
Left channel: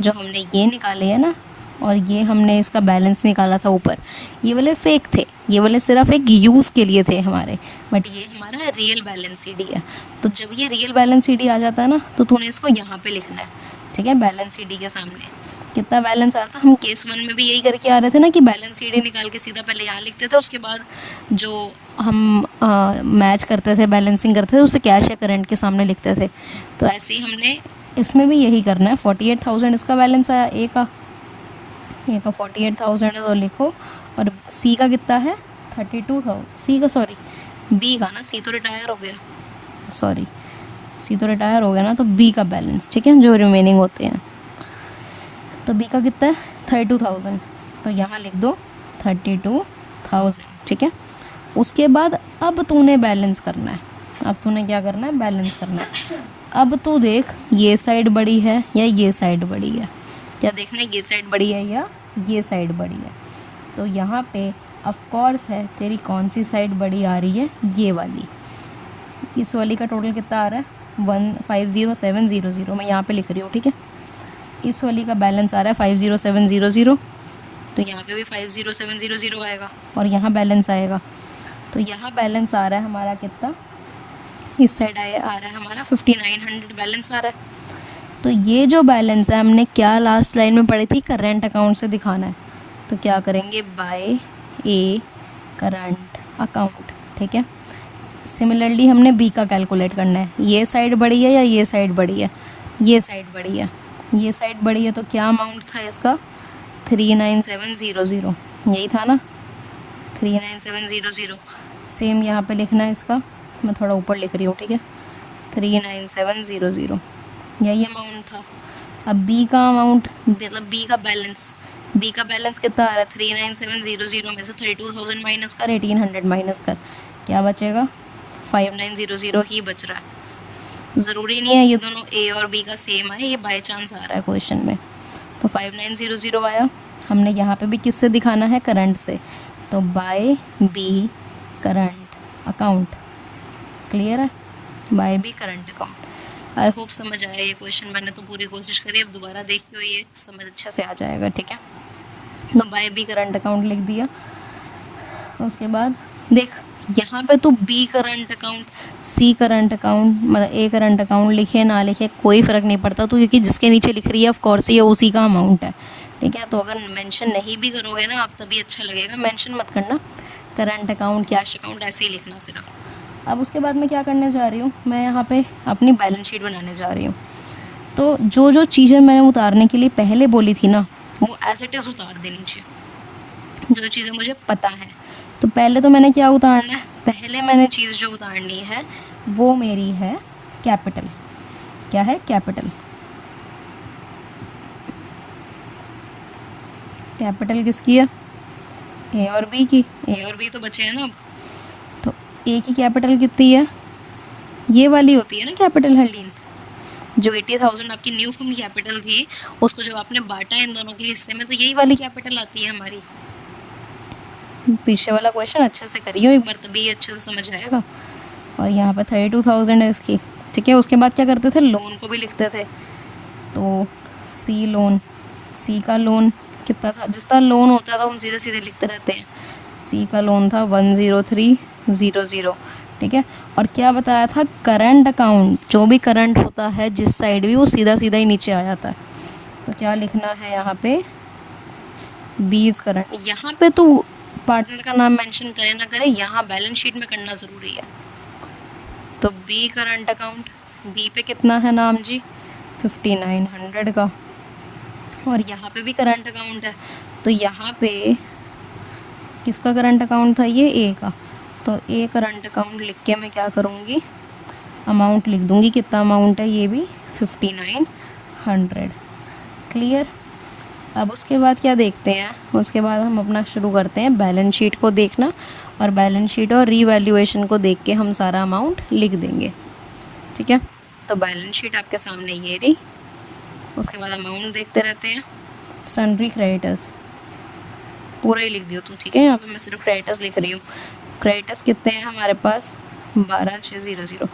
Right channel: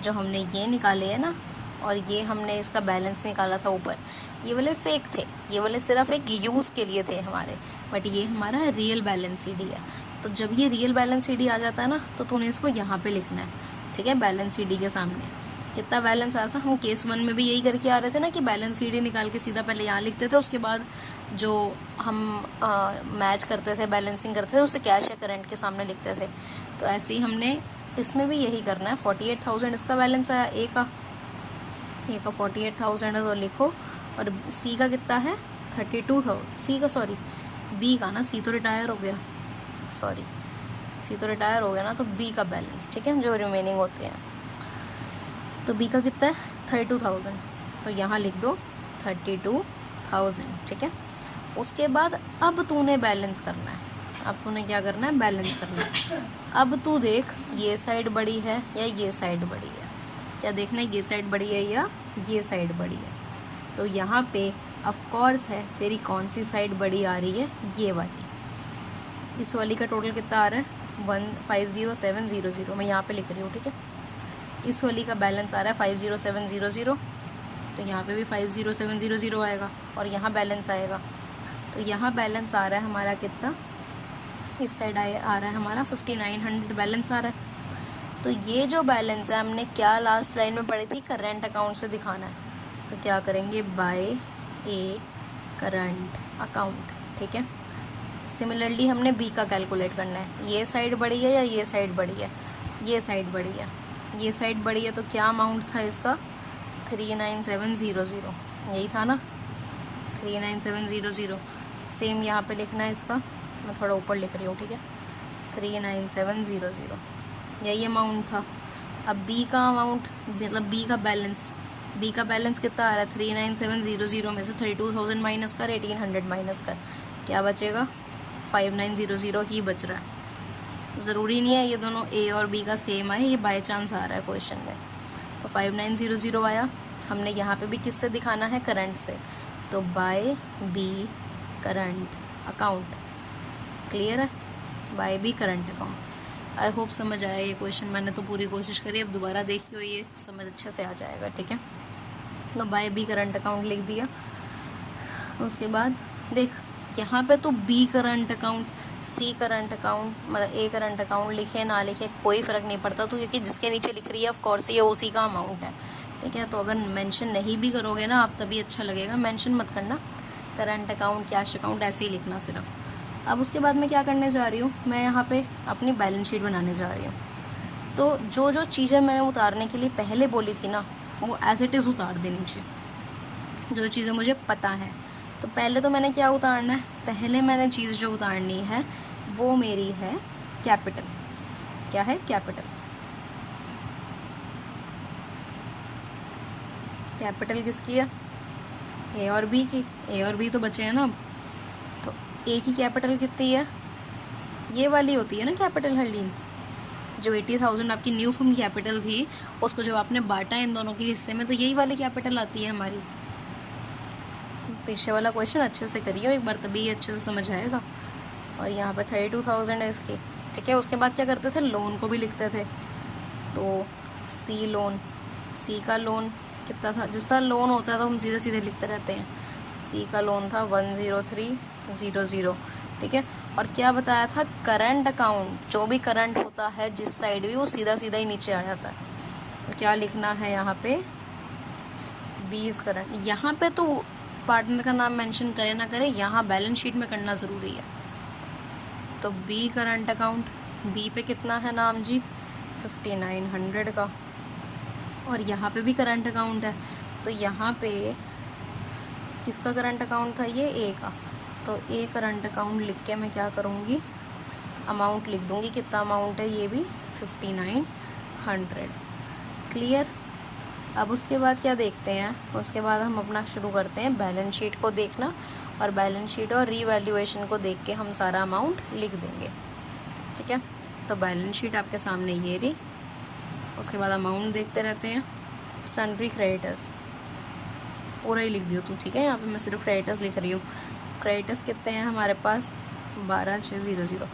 जो हमने ये निकाले हैं ना, और ये हमने इसका बैलेंस निकाला था ऊपर, ये वाले फेक थे। ये वाले सिर्फ एक यूज़ के लिए थे हमारे, बट ये हमारा रियल बैलेंस सी डी है। तो जब ये रियल बैलेंस सी डी आ जाता है ना तो तूने इसको यहाँ पे लिखना है। ठीक है, बैलेंस सी डी के सामने कितना बैलेंस आ रहा था? हम केस 1 में भी यही करके आ रहे थे ना कि बैलेंस सी डी निकाल के सीधा पहले यहाँ लिखते थे, उसके बाद जो हम मैच करते थे, बैलेंसिंग करते थे, उसे कैश या करंट के सामने लिखते थे। तो ऐसे ही हमने इसमें भी यही करना है। 48,000 इसका बैलेंस आया, ए का 48,000 है तो लिखो। और सी का कितना है? 32,000। सी का, सॉरी बी का ना, सी तो रिटायर हो गया, सॉरी सी तो रिटायर हो गया ना, तो बी का बैलेंस। ठीक है, जो रिमेनिंग होते हैं। तो बी का कितना है? 32,000। तो यहाँ लिख दो 32,000। ठीक है, उसके बाद अब तूने बैलेंस करना है। अब तूने क्या करना है? बैलेंस करना है। अब तू देख, ये साइड बड़ी है या ये साइड बड़ी है? क्या देखना है? ये साइड बड़ी है या ये साइड बड़ी है? तो यहाँ पे ऑफ कोर्स है, तेरी कौन सी साइड बड़ी आ रही है? ये वाली। इस वाली का टोटल कितना आ रहा है? 150,700। मैं यहाँ पे लिख रही हूँ। ठीक है, इस वाली का बैलेंस आ रहा है 50700। तो यहाँ पे भी 50700 आएगा और यहाँ बैलेंस आएगा। तो यहाँ बैलेंस आ रहा है हमारा कितना? इस साइड आ रहा है हमारा 5900 बैलेंस आ रहा है। तो ये जो बैलेंस है हमने क्या लास्ट लाइन में पढ़ी थी, करेंट अकाउंट से दिखाना है। तो क्या करेंगे, बाय ए करंट अकाउंट, ठीक है। सिमिलरली हमने बी का कैलकुलेट करना है। ये साइड बड़ी है या ये साइड बड़ी है, ये साइड बड़ी है, ये साइड बड़ी है। तो क्या अमाउंट था इसका, 39700, यही था ना, 39700। सेम यहाँ पे लिखना है इसका, मैं थोड़ा ऊपर लिख रही हूँ, ठीक है, 39700, यही अमाउंट था। अब बी का अमाउंट मतलब बी का बैलेंस कितना आ रहा है, 39700 में से 32,000 माइनस कर, 1800 माइनस कर, क्या बचेगा, 5900 ही बच रहा है। ज़रूरी नहीं है ये दोनों ए और बी का सेम आए, ये बाय चांस आ रहा है क्वेश्चन में। तो 5900 आया। हमने यहाँ पे भी किससे दिखाना है, करंट से। तो by B current account, clear है, by B current account. I hope समझ आया ये क्वेश्चन, मैंने तो पूरी कोशिश करी, अब दोबारा देखी हुई है, समझ अच्छे से आ जाएगा, ठीक है। तो बाय बी करंट अकाउंट लिख दिया। उसके बाद देख यहाँ पे तो बी करंट अकाउंट, सी करंट अकाउंट, मतलब ए करंट अकाउंट लिखे ना लिखे कोई फ़र्क नहीं पड़ता, तो क्योंकि जिसके नीचे लिख रही है ऑफ कोर्स ये उसी का अमाउंट है, ठीक है। तो अगर मेंशन नहीं भी करोगे ना आप तभी अच्छा लगेगा, मेंशन मत करना, करंट अकाउंट कैश अकाउंट ऐसे ही लिखना सिर्फ। अब उसके बाद मैं क्या करने जा रही हूँ, मैं यहाँ पे अपनी बैलेंस शीट बनाने जा रही हूँ। तो जो जो चीज़ें मैंने उतारने के लिए पहले बोली थी ना, वो एज इट इज़ उतार दे नीचे, जो चीज़ें मुझे पता है। तो पहले तो मैंने क्या उतारना है, पहले मैंने चीज़ जो उतारनी है वो मेरी है कैपिटल। क्या है, कैपिटल। कैपिटल किसकी है, ए और बी की। ए और बी तो बचे हैं ना अब। तो ए की कैपिटल कितनी है, ये वाली होती है ना कैपिटल हरलीन, जो 80,000 आपकी न्यू फर्म कैपिटल थी, उसको जब आपने बांटा इन दोनों के हिस्से में, तो यही वाली कैपिटल आती है हमारी। पीछे वाला क्वेश्चन अच्छे से करियो एक बार, तभी अच्छे से समझ आएगा। और यहाँ पे 32,000 है इसकी, ठीक है। उसके बाद क्या करते थे, लोन को भी लिखते थे। तो सी लोन, सी का लोन कितना था, जिसका लोन होता था हम सीधे सीधे लिखते रहते हैं। सी का लोन था 10300, ठीक है। और क्या बताया था, करंट अकाउंट, जो भी करंट होता है जिस साइड भी, वो सीधा सीधा ही नीचे आ जाता है। तो क्या लिखना है यहाँ पे, बीज करंट। यहाँ पे तो पार्टनर का नाम मेंशन करे ना करे, यहाँ बैलेंस शीट में करना ज़रूरी है। तो बी करंट अकाउंट, बी पे कितना है नाम जी, 5900 का। और यहाँ पे भी करंट अकाउंट है, तो यहाँ पे किसका करंट अकाउंट था, ये ए का। तो ए करंट अकाउंट लिख के मैं क्या करूँगी, अमाउंट लिख दूँगी, कितना अमाउंट है, ये भी 5900, क्लियर। अब उसके बाद क्या देखते हैं, उसके बाद हम अपना शुरू करते हैं बैलेंस शीट को देखना, और बैलेंस शीट और रीवैल्यूएशन को देख के हम सारा अमाउंट लिख देंगे, ठीक है। तो बैलेंस शीट आपके सामने ये रही। उसके बाद अमाउंट देखते रहते हैं। सन्ड्री क्रेडिटर्स पूरा ही लिख दियो तू, ठीक है। यहाँ पे मैं सिर्फ क्रेडिटर्स लिख रही हूँ। क्रेडिटर्स कितने हैं हमारे पास, 12600।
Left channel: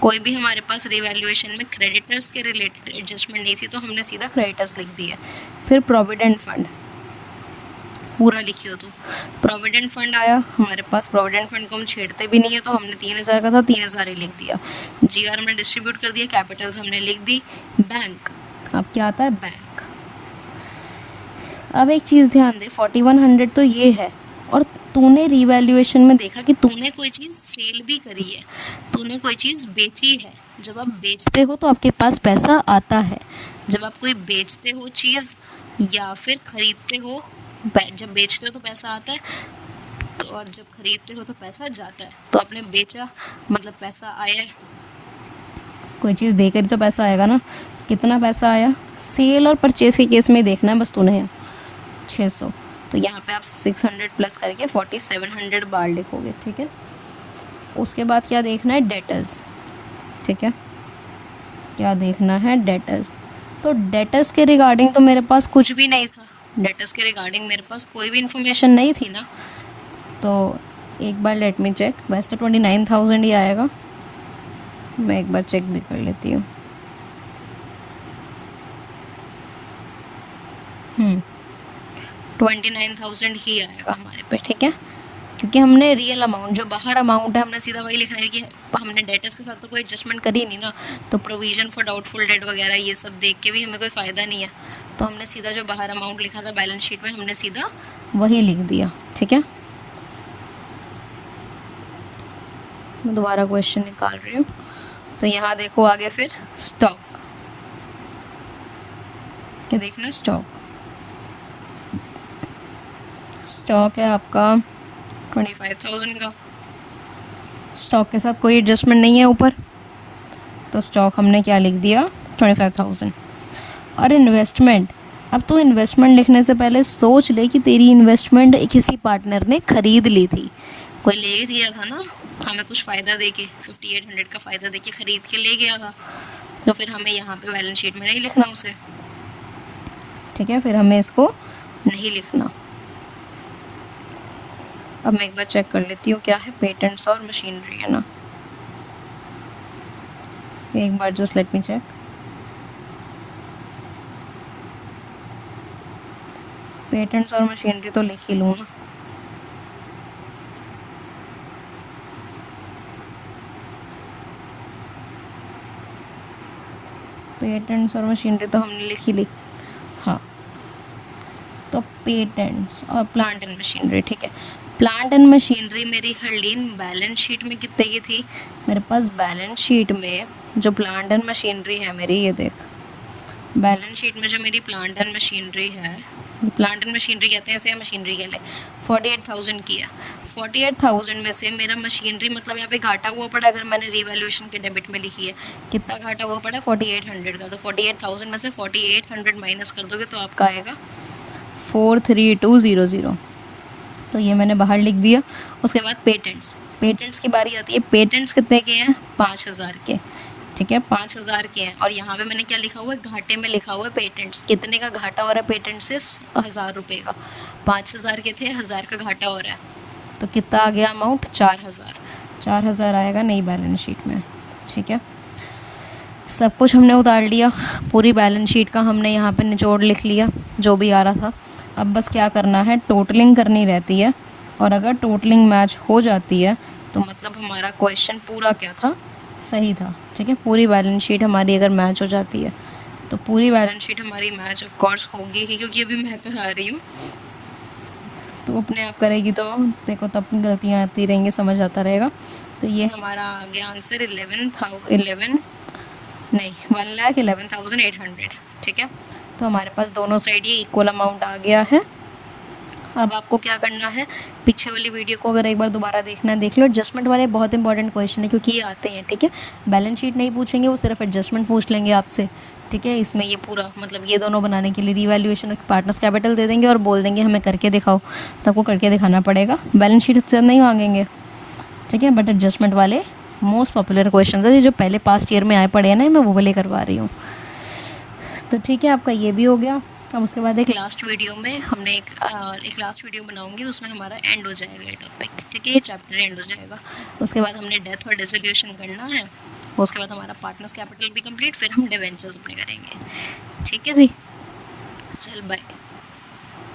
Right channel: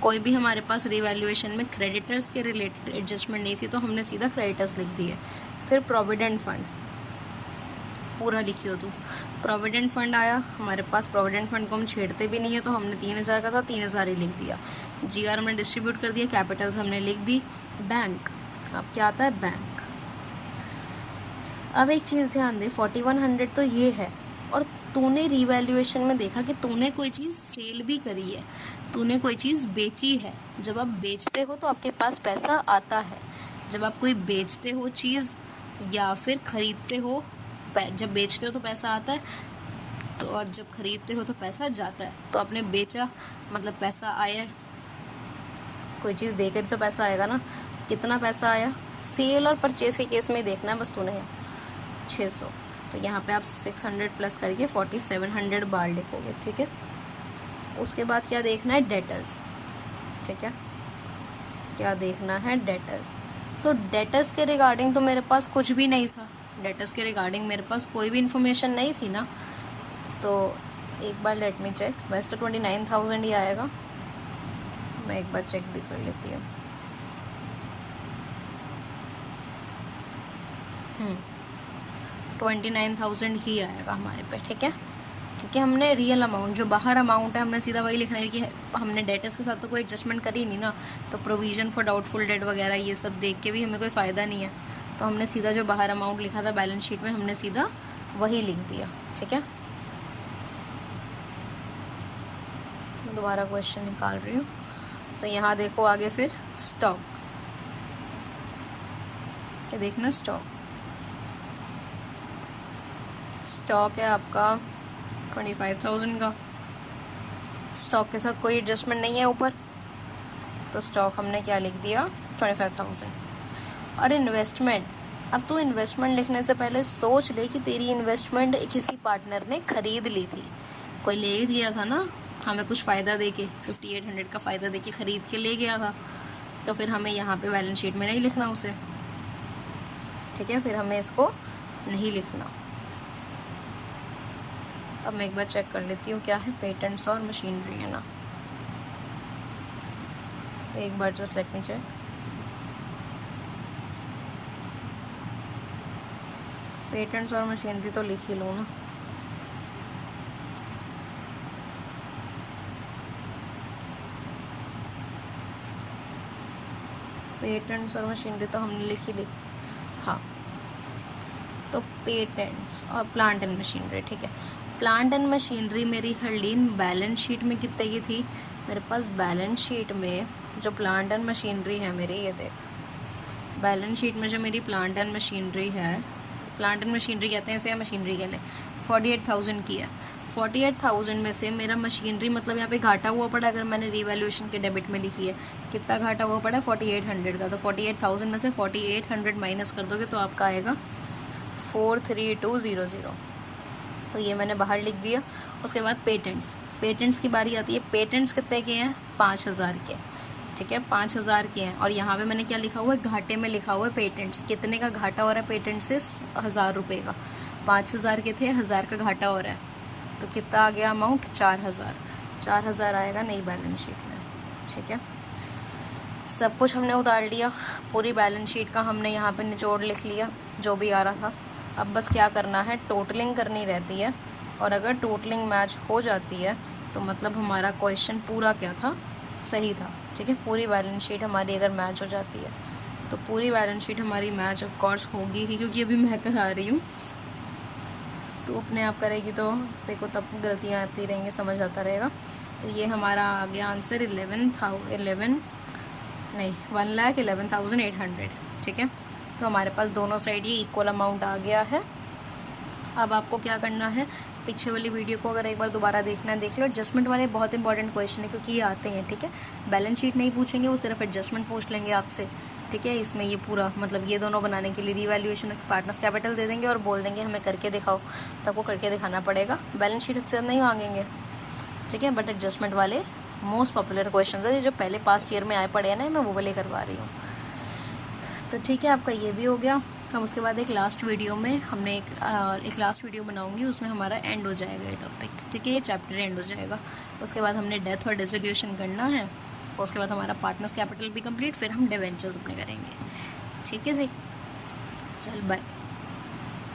कोई भी हमारे पास रिवैल्यूएशन में क्रेडिटर्स के रिलेटेड एडजस्टमेंट नहीं थी, तो हमने सीधा क्रेडिटर्स लिख दिया। फिर प्रोविडेंट फंड पूरा लिखियो तो प्रोविडेंट फंड आया हमारे पास। प्रोविडेंट फंड को हम छेड़ते भी नहीं है, तो हमने 3000 का था, 3000 ही लिख दिया। जीआर हमने डिस्ट्रीब्यूट कर दिया, कैपिटल्स हमने लिख दी। बैंक, अब क्या आता है, बैंक। अब एक चीज़ ध्यान दे, 4100 तो ये है, और तूने रिवैल्यूएशन में देखा कि तूने कोई चीज़ सेल भी करी है, तूने कोई चीज़ बेची है। जब आप बेचते हो तो आपके पास पैसा आता है। जब आप कोई बेचते हो चीज़ या फिर ख़रीदते हो, जब बेचते हो तो पैसा आता है, तो और जब खरीदते हो तो पैसा जाता है। तो आपने बेचा मतलब पैसा आया है, कोई चीज़ देकर ही तो पैसा आएगा ना। कितना पैसा आया, सेल और परचेज के केस में देखना है बस तूने, 600। तो यहाँ पे आप 600 प्लस करके 4700 बार लिखोगे, ठीक है। उसके बाद क्या देखना है, डेटर्स, ठीक है। क्या देखना है, डेटर्स। तो डेटर्स के रिगार्डिंग तो मेरे पास कुछ भी नहीं था, डेटर्स के रिगार्डिंग मेरे पास कोई भी इन्फॉर्मेशन नहीं थी ना। तो एक बार लेट मी चेक, वैसे तो 29,000 ही आएगा, मैं एक बार चेक भी कर लेती हूँ। 29,000 ही आएगा हमारे पे, ठीक है। क्योंकि हमने रियल अमाउंट जो बाहर अमाउंट है हमने सीधा वही लिखना है, क्योंकि हमने डेटर्स के साथ तो कोई एडजस्टमेंट करी नहीं ना, तो प्रोविज़न फॉर डाउटफुल डेट वगैरह ये सब देख के भी हमें कोई फ़ायदा नहीं है, तो हमने सीधा जो बाहर अमाउंट लिखा था बैलेंस शीट में हमने सीधा वही लिख दिया। ठीक है, मैं दोबारा क्वेश्चन निकाल रही हूँ। तो यहाँ देखो आगे फिर स्टॉक, क्या देखना, स्टॉक है आपका 25,000 का, स्टॉक के साथ कोई एडजस्टमेंट नहीं है ऊपर, तो स्टॉक हमने क्या लिख दिया 25,000। और इन्वेस्टमेंट, अब तो इन्वेस्टमेंट लिखने से पहले सोच ले कि तेरी इन्वेस्टमेंट किसी पार्टनर ने ख़रीद ली थी, कोई ले गया था ना हमें कुछ फ़ायदा दे के, 5800 का फ़ायदा दे के ख़रीद के ले गया था, तो फिर हमें यहाँ पे बैलेंस शीट में नहीं लिखना उसे। ठीक है, फिर हमें इसको नहीं लिखना। अब मैं एक बार चेक कर लेती हूँ क्या है, पेटेंट्स और मशीनरी है ना, एक बार just let me check. Patents और मशीनरी तो लिख ही लूँ ना, पेटेंट्स और मशीनरी तो हमने लिख ही ली। हाँ, तो पेटेंट्स और प्लांट एंड मशीनरी, ठीक है, प्लांट एंड मशीनरी मेरी हर्लीन बैलेंस शीट में कितने की थी, मेरे पास बैलेंस शीट में जो प्लांट एंड मशीनरी है मेरी, ये देख बैलेंस शीट में जो मेरी प्लांट एंड मशीनरी है, प्लांट एंड मशीनरी कहते हैं इसे, मशीनरी के लिए 48,000 की है। 48,000 में से मेरा मशीनरी मतलब यहाँ पे घाटा हुआ पड़ा, अगर मैंने रिवैल्यूएशन के डेबिट में लिखी है, कितना घाटा हुआ पड़ा है 4800 का, तो 48,000 में से 4800 माइनस कर दोगे तो आपका आएगा 43200, तो ये मैंने बाहर लिख दिया। उसके बाद पेटेंट्स की बारी आती है। पेटेंट्स कितने के हैं, 5,000 के, ठीक है 5,000 के हैं, और यहाँ पे मैंने क्या लिखा हुआ है, घाटे में लिखा हुआ है पेटेंट्स, कितने का घाटा हो रहा है पेटेंट से, 1,000 रुपये का, 5,000 के थे, 1,000 का घाटा हो रहा है, तो कितना आ गया अमाउंट, 4,000 आएगा नई बैलेंस शीट में। ठीक है, सब कुछ हमने उतार लिया, पूरी बैलेंस शीट का हमने यहाँ पे निचोड़ लिख लिया जो भी आ रहा था। अब बस क्या करना है, टोटलिंग करनी रहती है, और अगर टोटलिंग मैच हो जाती है तो मतलब हमारा क्वेश्चन पूरा क्या था, सही था। ठीक है, पूरी बैलेंस शीट हमारी अगर मैच हो जाती है तो पूरी बैलेंस शीट हमारी मैच ऑफ कोर्स होगी ही, क्योंकि अभी मैं करा रही हूँ, तो अपने आप करेगी तो देखो तब गलतियाँ आती रहेंगी, समझ आता रहेगा। तो ये हमारा आ गया आंसर 1,11,800। ठीक है, तो हमारे पास दोनों साइड ये इक्वल अमाउंट आ गया है। अब आपको क्या करना है, पीछे वाली वीडियो को अगर एक बार दोबारा देखना है देख लो, एडजस्टमेंट वाले बहुत इंपॉर्टेंट क्वेश्चन है क्योंकि ये आते हैं। ठीक है, बैलेंस शीट नहीं पूछेंगे, वो सिर्फ एडजस्टमेंट पूछ लेंगे आपसे। ठीक है, इसमें ये पूरा मतलब ये दोनों बनाने के लिए रिवैल्यूएशन पार्टनर्स कैपिटल दे देंगे और बोल देंगे हमें करके दिखाओ, तो आपको करके दिखाना पड़ेगा, बैलेंस शीट से नहीं मांगेंगे। ठीक है, बट एडजस्टमेंट वाले मोस्ट पॉपुलर क्वेश्चन है, ये जो पहले पास्ट ईयर में आए पड़े हैं ना, मैं वो वाले करवा रही हूँ। तो ठीक है, आपका ये भी हो गया। अब उसके बाद एक लास्ट वीडियो में हमने एक लास्ट वीडियो बनाऊंगी, उसमें हमारा एंड हो जाएगा ये टॉपिक। ठीक है, ये चैप्टर एंड हो जाएगा। उसके बाद हमने डेथ और डिसोल्यूशन करना है, उसके बाद हमारा पार्टनर्स कैपिटल भी कंप्लीट, फिर हम डिवेंचर्स अपने करेंगे। ठीक है जी, चल बाय।